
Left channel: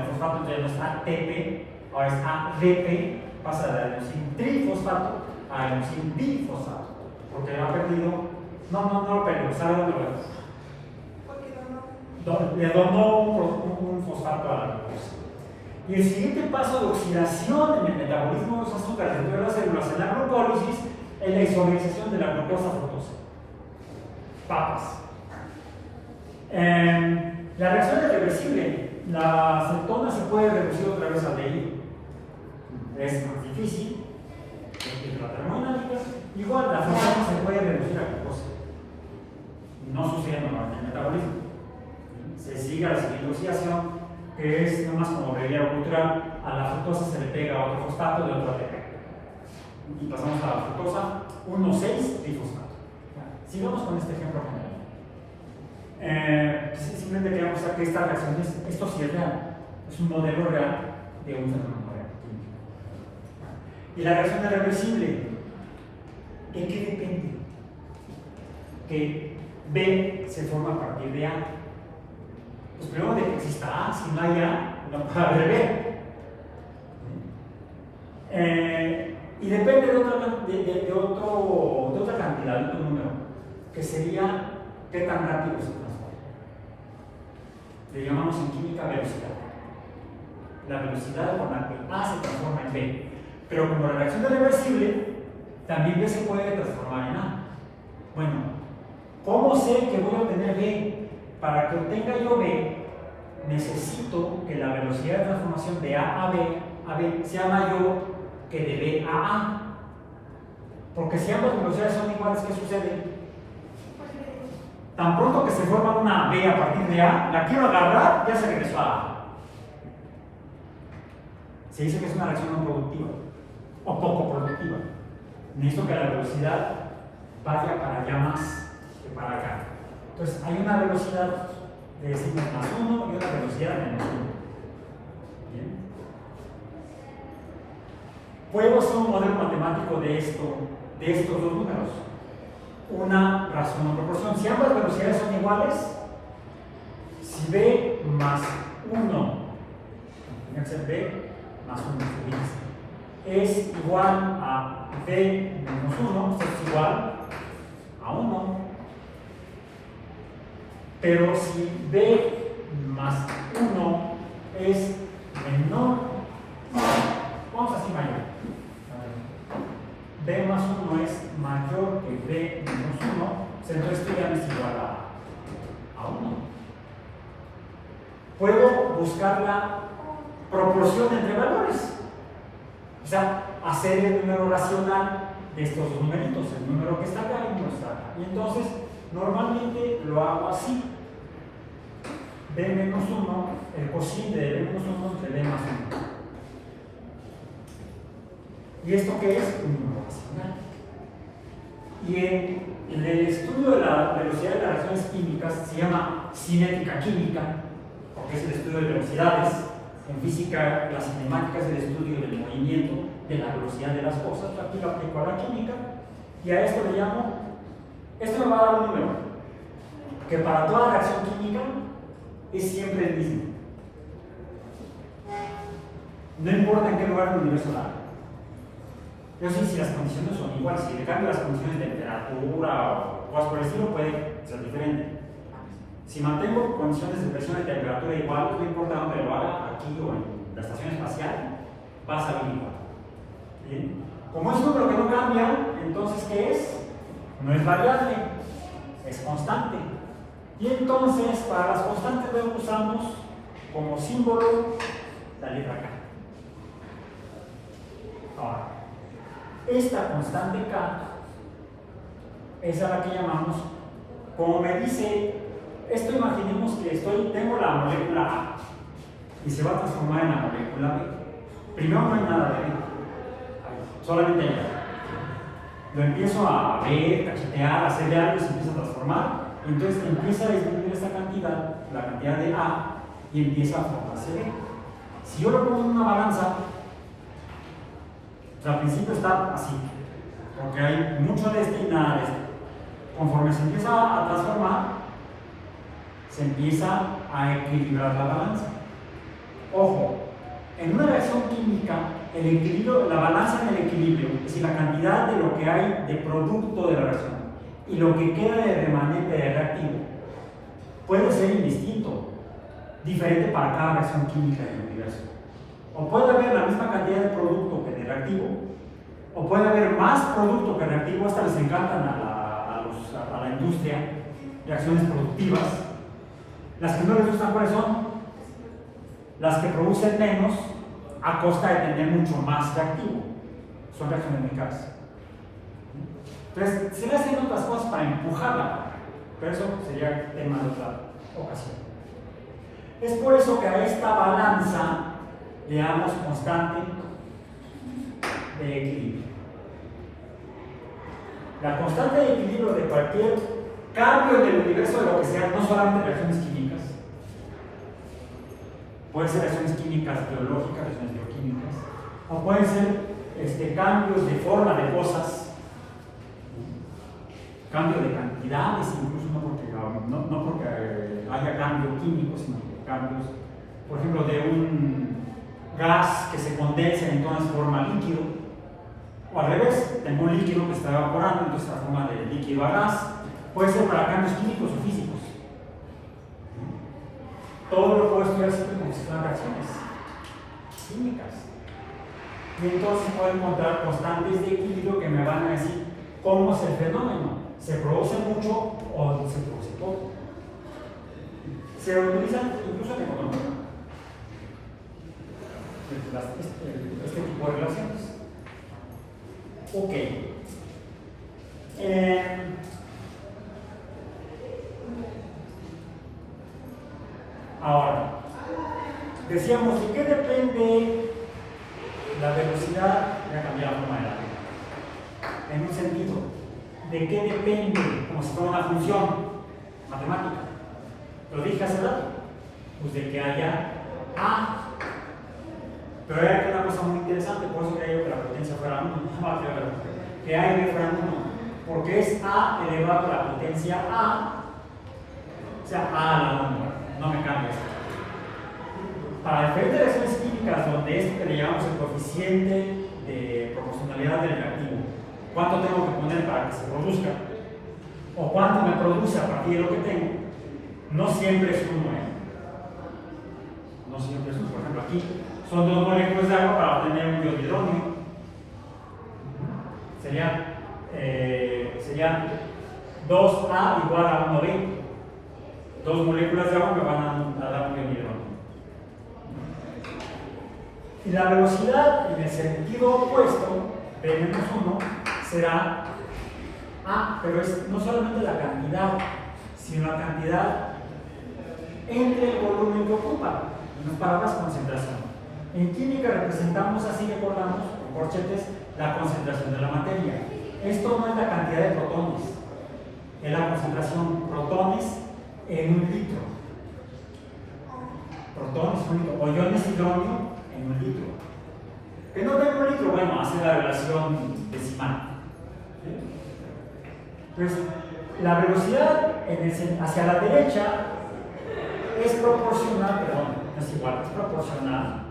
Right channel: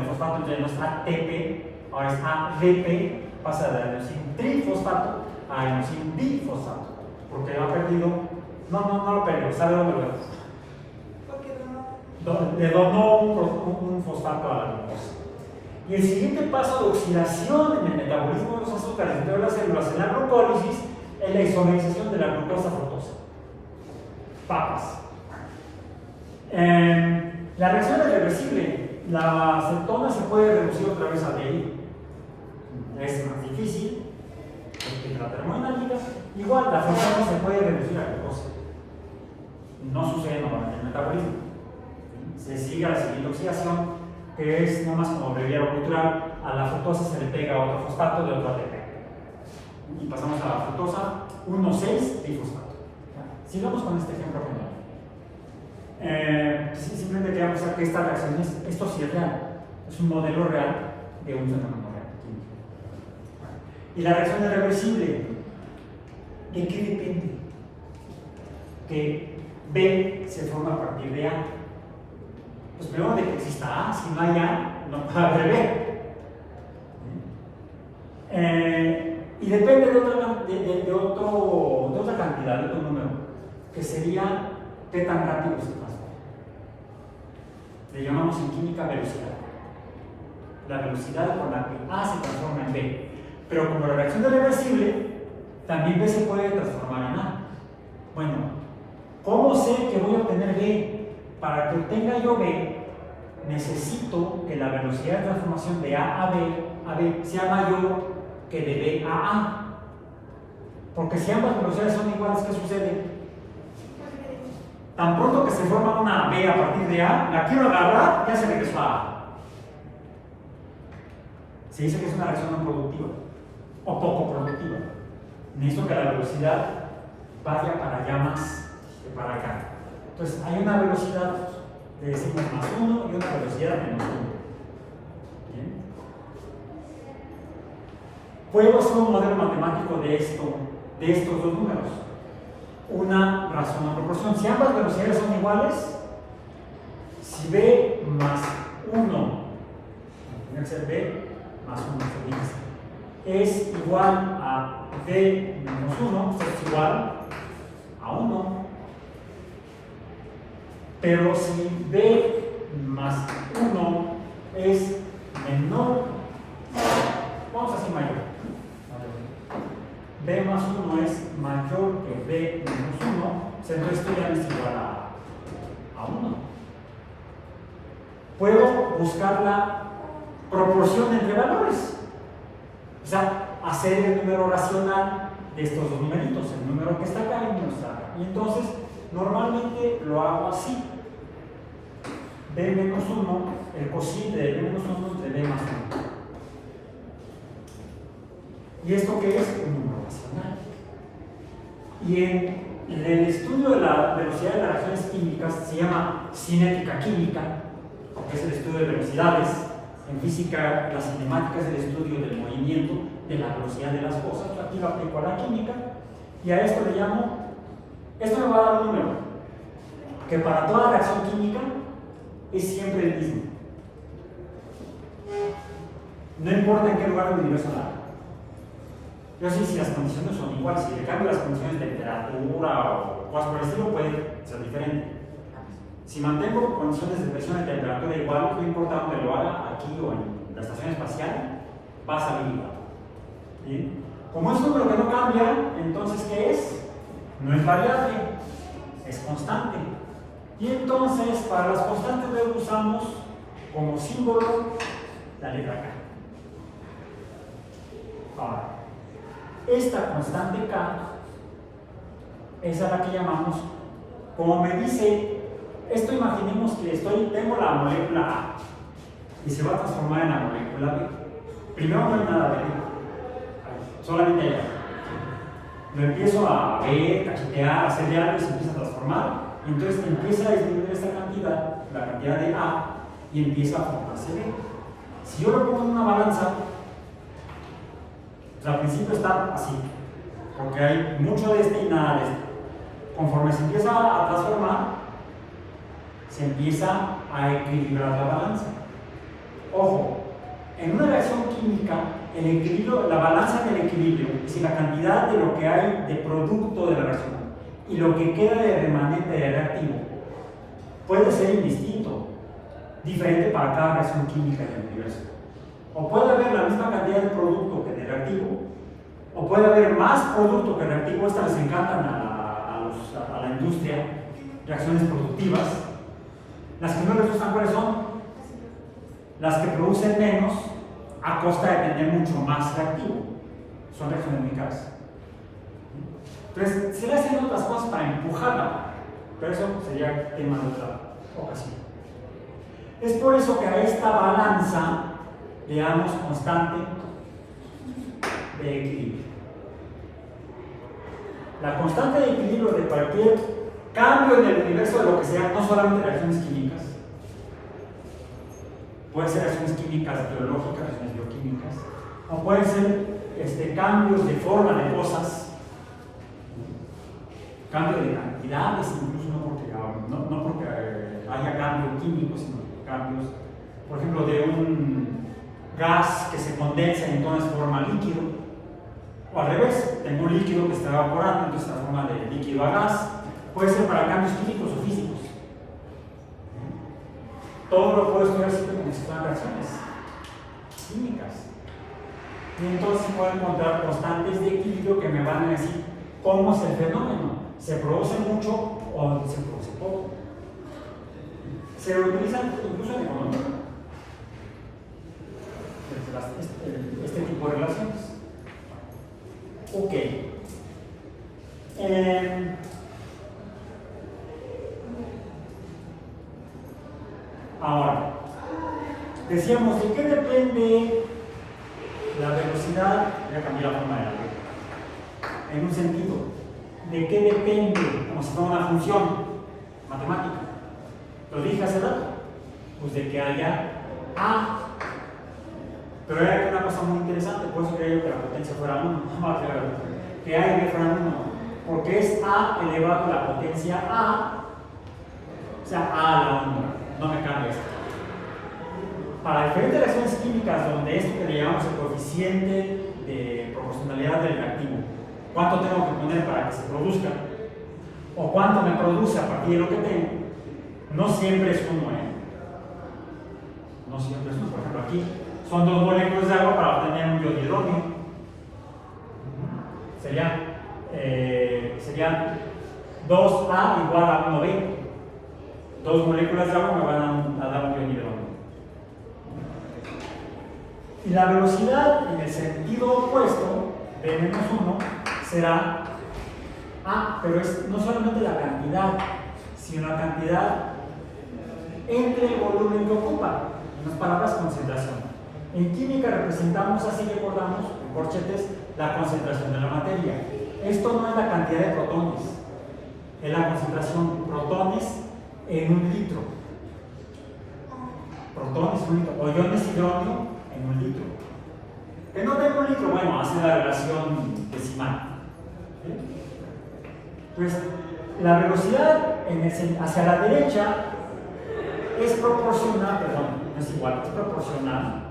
el fosfato, entonces no es ATP, ahora es ADP, pasa de adenosín trifosfato a adenosín bifosfato, porque ha perdido, no lo perdió, ¿sabe dónde lo vemos? Le donó un fosfato a la glucosa. Y el siguiente paso de oxidación en el metabolismo de los azúcares dentro de las células en la glucólisis es la isomerización de la glucosa fructosa. Papas. La reacción es reversible. La cetona se puede reducir otra vez al aldehído. Es más difícil. La termodinámica. Igual, la cetona se puede reducir a glucosa. No sucede en el metabolismo. Se sigue la siguiente oxidación que es nomás como breviario cultural, a la fructosa se le pega otro fosfato de otro ATP. Y pasamos a la fructosa 1,6 trifosfato. Sigamos con este ejemplo general. Simplemente queremos ver que estas reacciones, esto sí es real, es un modelo real de un fenómeno real. Y la reacción es reversible. ¿De qué depende? Que B se forma a partir de A. Pues primero de que exista A, si no hay A, no puede haber B. Y depende de otra cantidad, de otro número, que sería qué tan rápido se transforma. Le llamamos en química velocidad. La velocidad con la que A se transforma en B. Pero como la reacción es reversible, también B se puede transformar en A. Bueno, ¿cómo sé que voy a obtener B? Para que obtenga yo B, necesito que la velocidad de transformación de A a B sea mayor que de B a A. Porque si ambas velocidades son iguales, ¿qué sucede? Tan pronto que se forma una B a partir de A, la quiero agarrar, ya se regresó a A. Se dice que es una reacción no productiva o poco productiva. Necesito que la velocidad vaya para allá más que para acá. Entonces, hay una velocidad de decimos más 1 y una velocidad de menos 1. ¿Bien? Puedo hacer un modelo matemático de estos dos números. Una razón o proporción. Si ambas velocidades son iguales, si B más 1, tiene que ser B más 1, es igual a B menos 1, esto es igual a 1. Pero si B más 1 es menor, vamos a decir mayor. B más 1 es mayor que B menos 1, entonces esto ya no es igual a 1. Puedo buscar la proporción entre valores. O sea, hacer el número racional de estos dos numeritos, el número que está acá y el número que está acá. Y entonces, normalmente lo hago así. B menos 1, el cociente de B menos 1 entre B más 1. ¿Y esto qué es? Un número racional. Y en el estudio de la velocidad de las reacciones químicas se llama cinética química, porque es el estudio de velocidades. En física, la cinemática es el estudio del movimiento, de la velocidad de las cosas. Aquí lo aplico a la química y a esto le llamo, esto me va a dar un número que para toda reacción química es siempre el mismo. No importa en qué lugar del universo la haga. Yo sé si las condiciones son iguales, si le cambio las condiciones de temperatura o cosas por el estilo, puede ser diferente. Si mantengo condiciones de presión y temperatura igual, no importa dónde lo haga, aquí o en la estación espacial, va a salir igual. ¿Bien? Como es un número que no cambia, entonces ¿qué es? No es variable, es constante. Y entonces, para las constantes luego usamos como símbolo la letra K. Ahora, esta constante K es a la que llamamos, como me dice, esto imaginemos que tengo la molécula A y se va a transformar en la molécula B. Primero no hay nada de B, solamente hay A. Lo empiezo a ver, cachetear, hacerle algo y se empieza a transformar. Y entonces empieza a disminuir esta cantidad, la cantidad de A, y empieza a formarse B. Si yo lo pongo en una balanza, pues al principio está así, porque hay mucho de este y nada de este. Conforme se empieza a transformar, se empieza a equilibrar la balanza. Ojo, en una reacción química, el equilibrio, la balanza del equilibrio, es decir, la cantidad de lo que hay de producto de la reacción y lo que queda de remanente de reactivo, puede ser indistinto, diferente para cada reacción química en el universo. O puede haber la misma cantidad de producto que de reactivo, o puede haber más producto que reactivo. Estas les encantan a la industria, reacciones productivas. Las que no les gustan, ¿cuáles son? Las que producen menos a costa de tener mucho más reactivo. Son reacciones muy caras. Entonces, se le hacen otras cosas para empujarla, pero eso sería tema de otra ocasión. Es por eso que a esta balanza le damos constante de equilibrio. La constante de equilibrio de cualquier cambio en el universo de lo que sea, no solamente reacciones químicas, pueden ser reacciones químicas biológicas, reacciones bioquímicas, o pueden ser cambios de forma de cosas, cambio de cantidades, incluso no porque haya cambio químico, sino cambios, por ejemplo, de un gas que se condensa y entonces forma líquido, o al revés, tengo un líquido que está evaporando, entonces está forma de líquido a gas, puede ser para cambios químicos o físicos. Todo lo puedo estudiar siempre como si fueran reacciones químicas. Y entonces puedo encontrar constantes de equilibrio que me van a decir cómo es el fenómeno. ¿Se produce mucho o se produce poco? Se utilizan incluso en economía este tipo de relaciones. Ok. Ahora, decíamos, ¿de qué depende la velocidad? Voy a cambiar la forma de la vida. En un sentido, ¿de qué depende? Como si fuera una función matemática. Lo dije hace rato, pues de que haya A. Pero hay una cosa muy interesante, por eso quería que la potencia fuera 1, que A y B fueran 1, porque es A elevado a la potencia A, o sea, A a la 1, no me cambia esto. Para diferentes reacciones químicas, donde esto que le llamamos el coeficiente de proporcionalidad del reactivo, ¿cuánto tengo que poner para que se produzca? ¿O cuánto me produce a partir de lo que tengo? No siempre es 1, No siempre es 1. Por ejemplo, aquí son 2 moléculas de agua para obtener un dihidrógeno. Serían 2A igual a 1B. 2 moléculas de agua me van a dar un dihidrógeno. Y la velocidad en el sentido opuesto de -1 será A, pero es no solamente la cantidad, sino la cantidad entre el volumen que ocupa. En otras palabras, concentración. En química representamos, así recordamos, con corchetes, la concentración de la materia. Esto no es la cantidad de protones, es la concentración protones en un litro. Protones en un litro, o iones hidrógeno en un litro. Que no tengo un litro, bueno, hace la relación decimal. Entonces, la velocidad hacia la derecha es proporcional, perdón, no es igual, es proporcional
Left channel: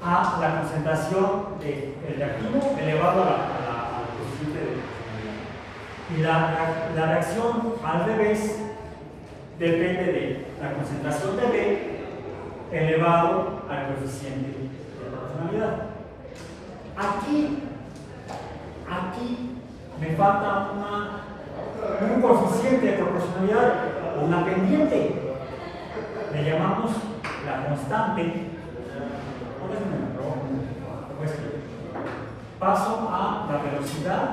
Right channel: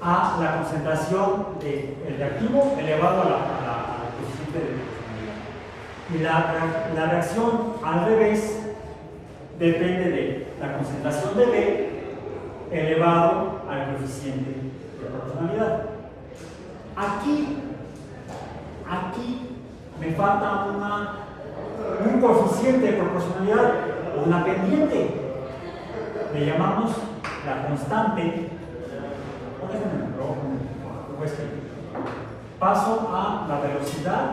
a la concentración del reactivo elevado al coeficiente de proporcionalidad. Y la reacción al revés depende de la concentración de B elevado al coeficiente de proporcionalidad. Aquí me falta un coeficiente de proporcionalidad, una pendiente. Le llamamos la constante. Paso a la velocidad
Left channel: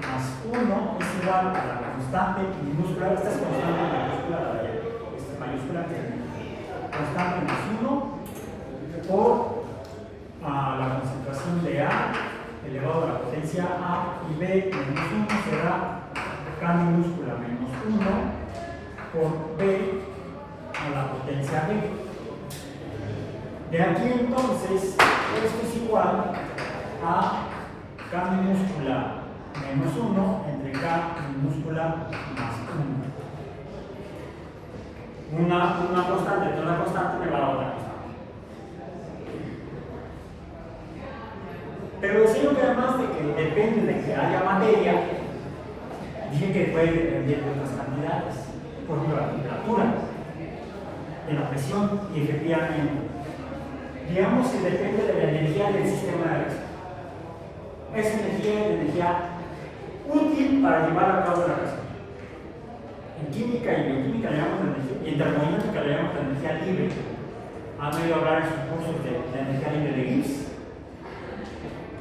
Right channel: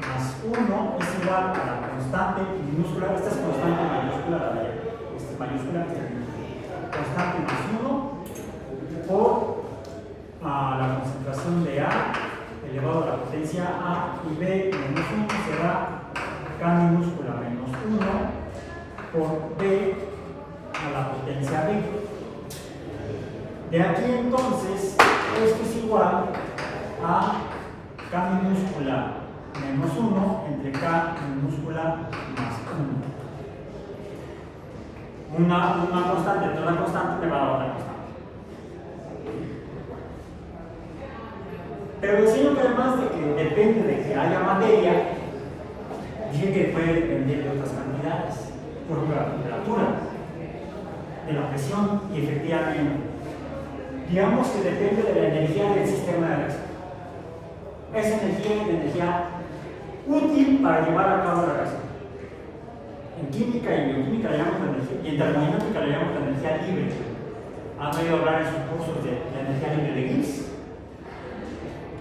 más 1 es igual a la constante minúscula. Esta es constante mayúscula, constante más 1 por la concentración de A elevado a la potencia A, y B menos 1 será K minúscula menos 1 por B a la potencia B. De aquí entonces, esto es igual a K minúscula menos 1 entre K minúscula más 1. Una constante, toda constante me va a dar otra constante. Pero decimos que además de que depende de que haya materia, dije que puede depender de otras cantidades, por ejemplo la temperatura, de la presión, y efectivamente, digamos que depende de la energía del sistema de reacción. Esa energía es energía útil para llevar a cabo la reacción. En química y bioquímica le llamamos la energía, y en termodinámica le llamamos la energía libre. Han oído hablar en sus cursos de la energía libre de Gibbs.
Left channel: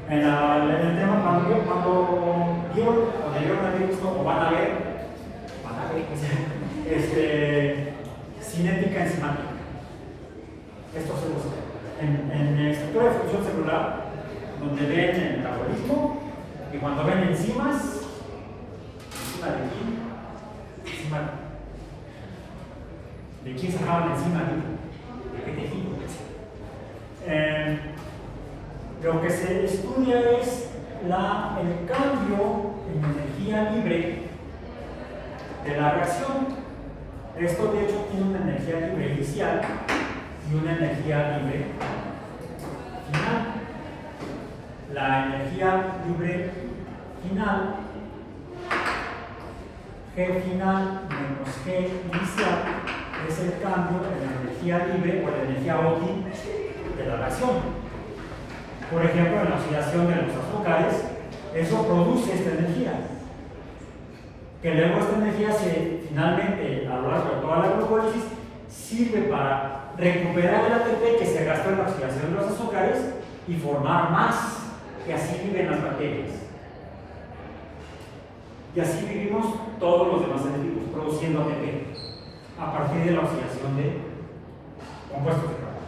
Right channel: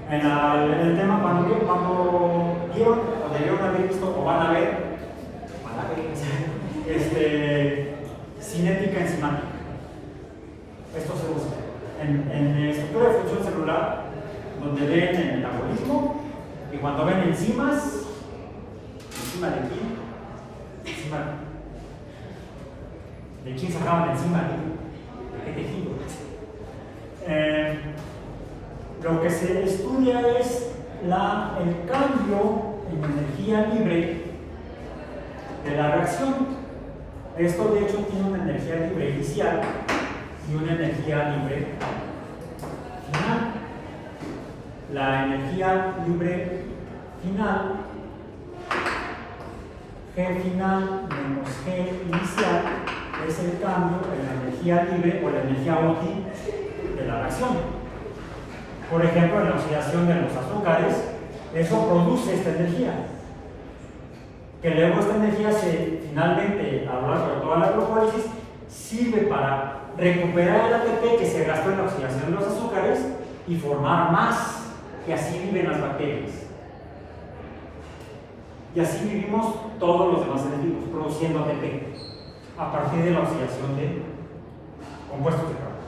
En el tema, cuando vieron o debieron haber visto o van a ver cinética enzimática. Esto se usa en estructura de función celular, donde ven el metabolismo y cuando ven enzimas, enzima de quién, enzima de quién sacaban la enzima, de qué tejido. Lo que se estudia es el cambio en energía libre de la reacción. Esto de hecho tiene una energía libre inicial y una energía libre final. La energía libre final, G final menos G inicial, es el cambio en la energía libre o la energía útil de la reacción. Por ejemplo, en la oxidación de los azúcares, eso produce esta energía. Que luego esta energía finalmente, a lo largo de toda la glucólisis, sirve para recuperar el ATP que se gastó en la oxidación de los azúcares y formar más, que así viven las bacterias. Y así vivimos todos los demás seres vivos, produciendo ATP a partir de la oxidación de compuestos de carbono.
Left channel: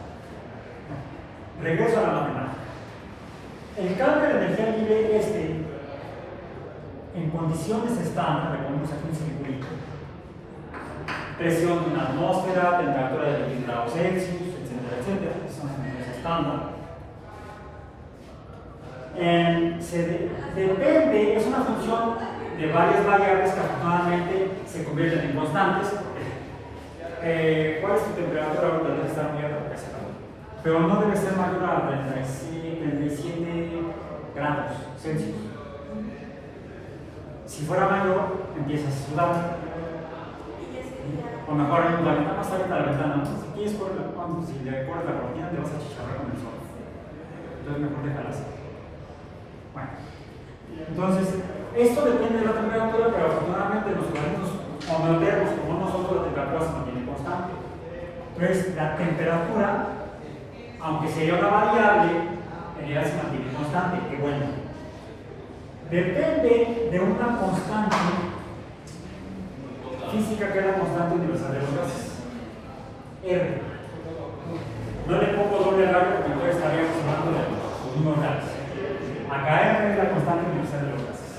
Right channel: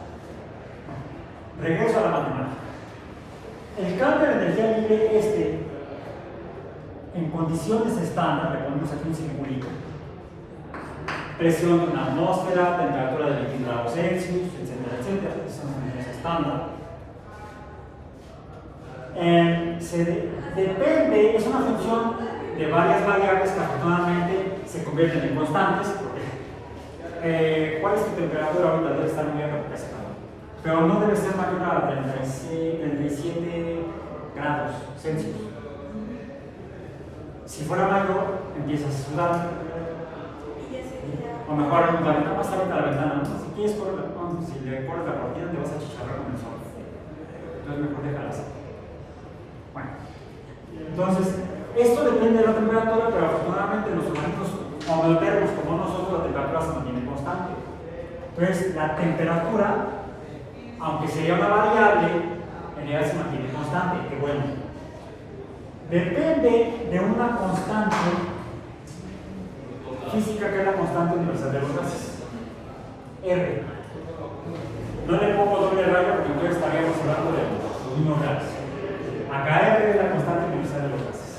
Regreso a la matemática. El cambio de energía libre en condiciones estándar, le ponemos aquí un circulito, presión de una atmósfera, temperatura de 20 grados Celsius, etcétera, etcétera, son condiciones estándar. Depende, es una función de varias variables que afortunadamente se convierten en constantes. ¿Cuál es tu temperatura ahorita? Debe estar muy alta porque hace calor, pero no debe ser mayor a 37 grados Celsius. Si fuera mayor, empiezas a sudar. O mejor, la ventana más abierta a la ventana. ¿No? Si quieres correr si le corres la cortina, te vas a chicharrar con el sol. Entonces, mejor déjala así. Bueno, entonces, esto depende de la temperatura, pero afortunadamente los organismos homeotérmicos como nosotros, la temperatura se mantiene constante. Entonces, la temperatura, aunque sea una variable, en realidad se mantiene constante. Qué bueno. Depende de una constante física que es la constante universal de los gases, R. No le pongo doble rayo porque entonces estaríamos hablando de los mismos gases. Acá R es la constante universal de los gases.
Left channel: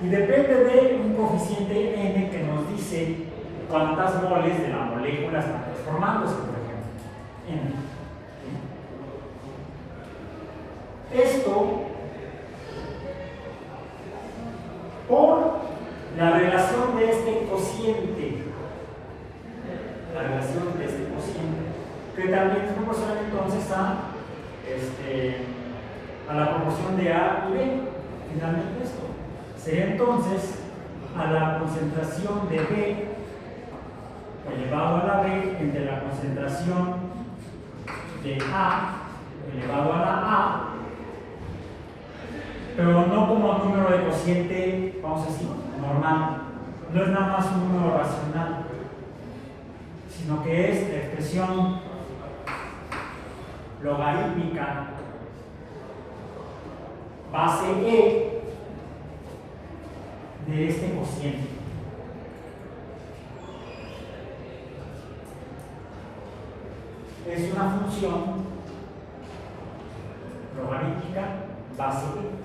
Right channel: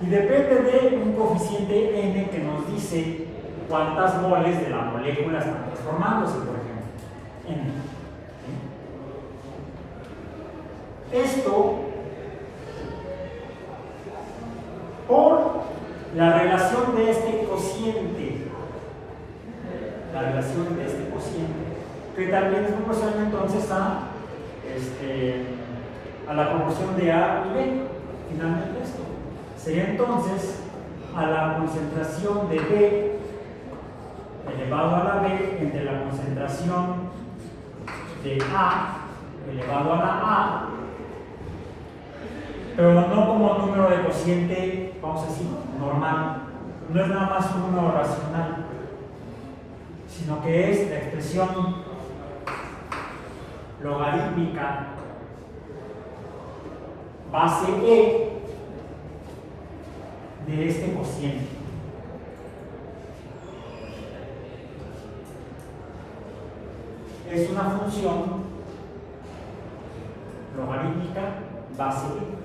Y depende de un coeficiente N que nos dice cuántas moles de la molécula están transformándose, por ejemplo. N. Esto por la relación de este cociente. La relación de este cociente, que también es proporcional entonces a la proporción de A y B. Finalmente esto sería entonces a la concentración de B elevado a la B entre la concentración de A elevado a la A, pero no como número de cociente, vamos a decir, normal. No es nada más un número racional, sino que es la expresión logarítmica base E de este cociente. Es una función logarítmica base E.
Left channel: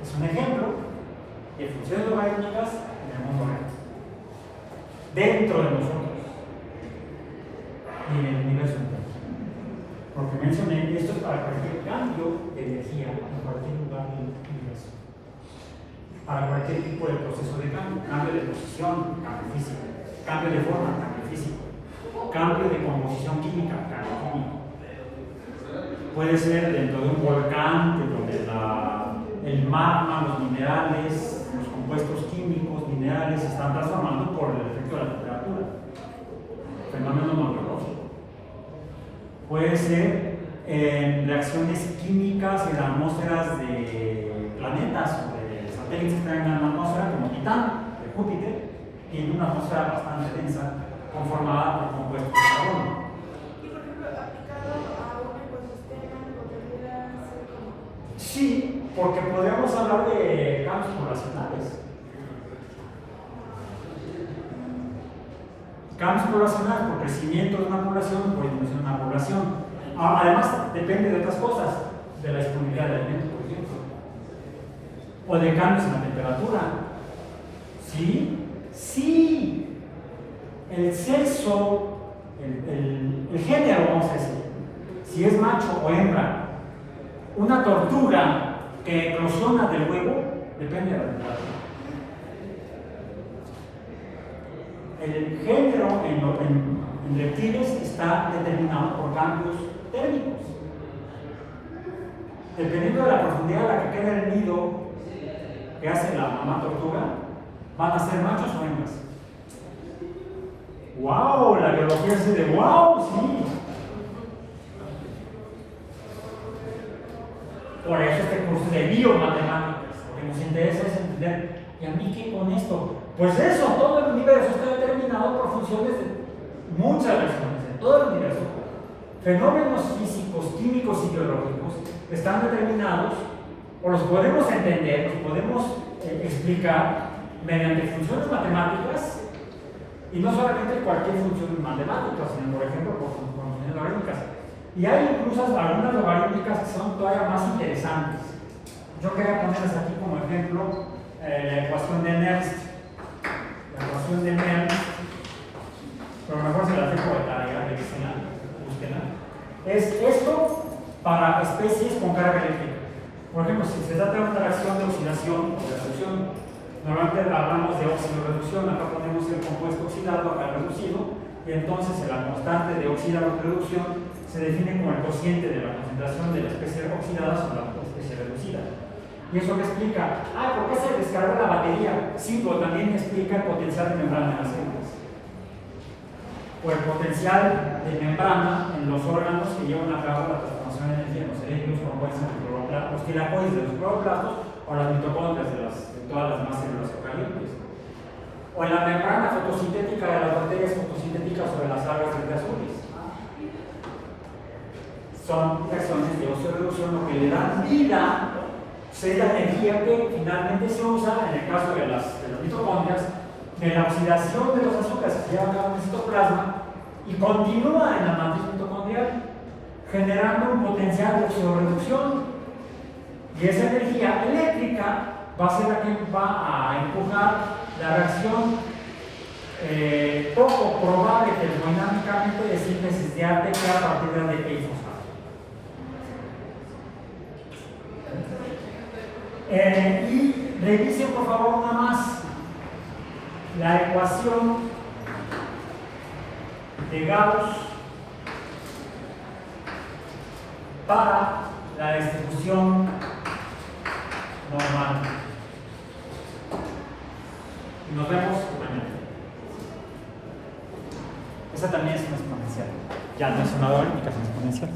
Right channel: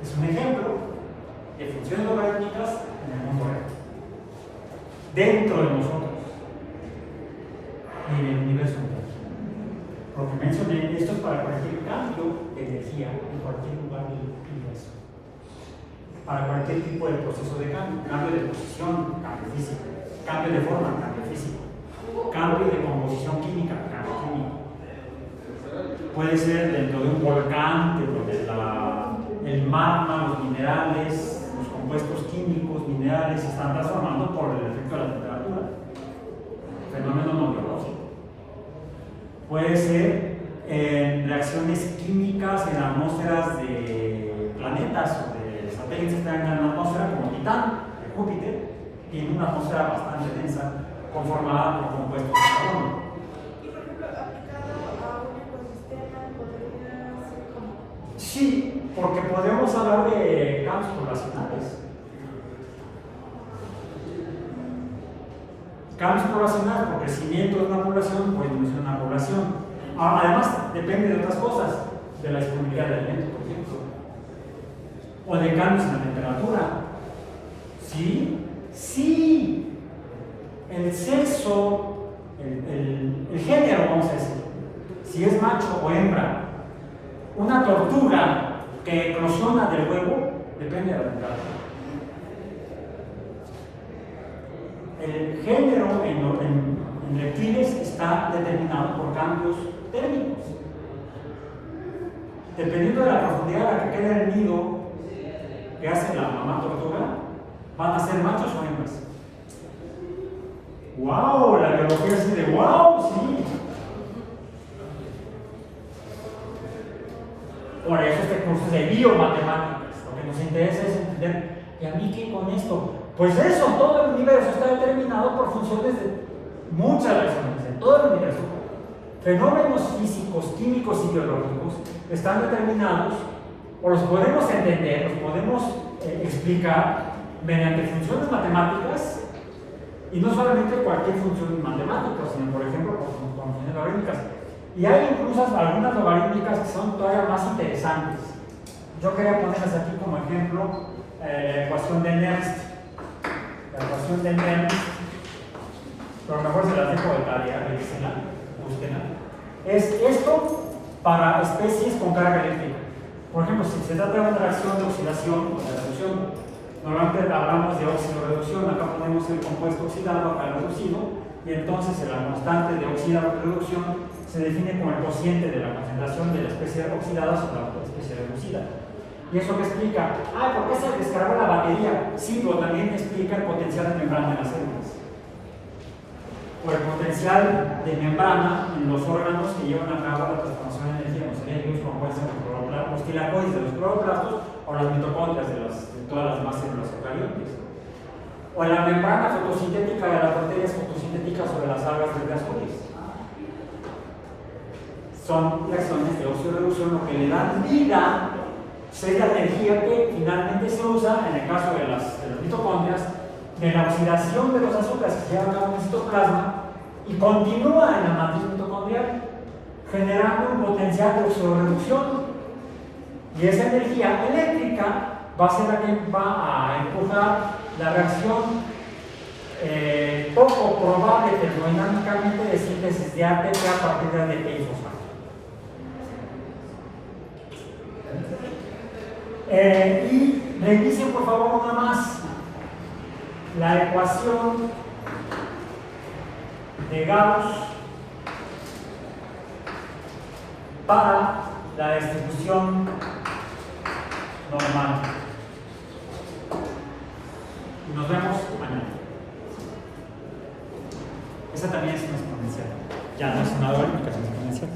Es un ejemplo de funciones logarítmicas en el mundo real, dentro de nosotros y en el universo entero. Porque mencioné, esto es para cualquier cambio de energía en cualquier lugar del universo, para cualquier tipo de proceso de cambio de posición, cambio físico, cambio de forma, cambio físico, cambio de composición química, cambio químico. Puede ser dentro de un volcán, dentro de el magma, los minerales, los compuestos químicos, minerales, se están transformando por el efecto de la temperatura. Fenómeno no biológico. Puede ser reacciones químicas en atmósferas de planetas o de satélites que están en la atmósfera, como Titán, de Júpiter, tiene una atmósfera bastante densa, conformada por compuestos de carbono. Y por ejemplo, aplicado a un ecosistema, podría ser como. Sí, porque podemos hablar de cambios poblacionales. Cambios poblacionales por crecimiento de una población o disminución de una población. Además, depende de otras cosas, de la disponibilidad de alimentos, por ejemplo, o de cambios en la temperatura. ¿Sí? Sí. El sexo, el género, vamos a decir, si es macho o hembra, una tortuga que eclosiona del huevo, depende de la temperatura. El género en reptiles está determinado por cambios térmicos. Dependiendo de la profundidad a la que queda el nido que hace la mamá tortuga, van a ser machos o hembras. ¡Wow! La biología es de ¡wow! Sí. Por eso este curso es de biomatemáticas. Lo que nos interesa es entender, ¿y a mí qué con esto? Pues eso, todo el universo está determinado por funciones de muchas razones, de todo el universo. Fenómenos físicos, químicos y biológicos están determinados, o los podemos entender, los podemos explicar mediante funciones matemáticas, y no solamente cualquier función matemática, sino por ejemplo por funciones logarítmicas. Y hay incluso algunas logarítmicas que son todavía más interesantes. Yo quería ponerles aquí como ejemplo la ecuación de Nernst. La ecuación de Nernst, pero mejor se las dejo de tarea, revísenla, búsquenla. Es esto para especies con carga eléctrica. Por ejemplo, si se trata de una reacción de oxidación o de reducción, normalmente hablamos de óxido-reducción. Acá ponemos el compuesto oxidado, acá reducido, y entonces la constante de oxidado-reducción se define como el cociente de la concentración de la especie oxidada sobre la especie reducida. ¿Y eso qué explica? ¿Por qué se descargó la batería? Sí, pero también explica el potencial de membrana en las células. O el potencial de membrana en los órganos que llevan a cabo la transformación de energía, como serían los compuestos de los tilacoides de los cloroplastos o las mitocondrias de todas las demás células eucariotas. O en la membrana fotosintética de las bacterias fotosintéticas sobre las algas verde azules. Son reacciones de oxidorreducción lo que le dan vida, es la energía que finalmente se usa, en el caso de las mitocondrias, de la oxidación de los azúcares que se llevan a cabo en el citoplasma y continúa en la matriz mitocondrial, generando un potencial de oxidorreducción. Y esa energía eléctrica va a ser la que va a empujar la reacción poco probable termodinámicamente de síntesis de ATP a partir de ADP y fosfato. Y revisen por favor nada más la ecuación de Gauss para la distribución normal. Y nos vemos mañana. Esta también es una exponencial. Ya no es una logarítmica, es una exponencial.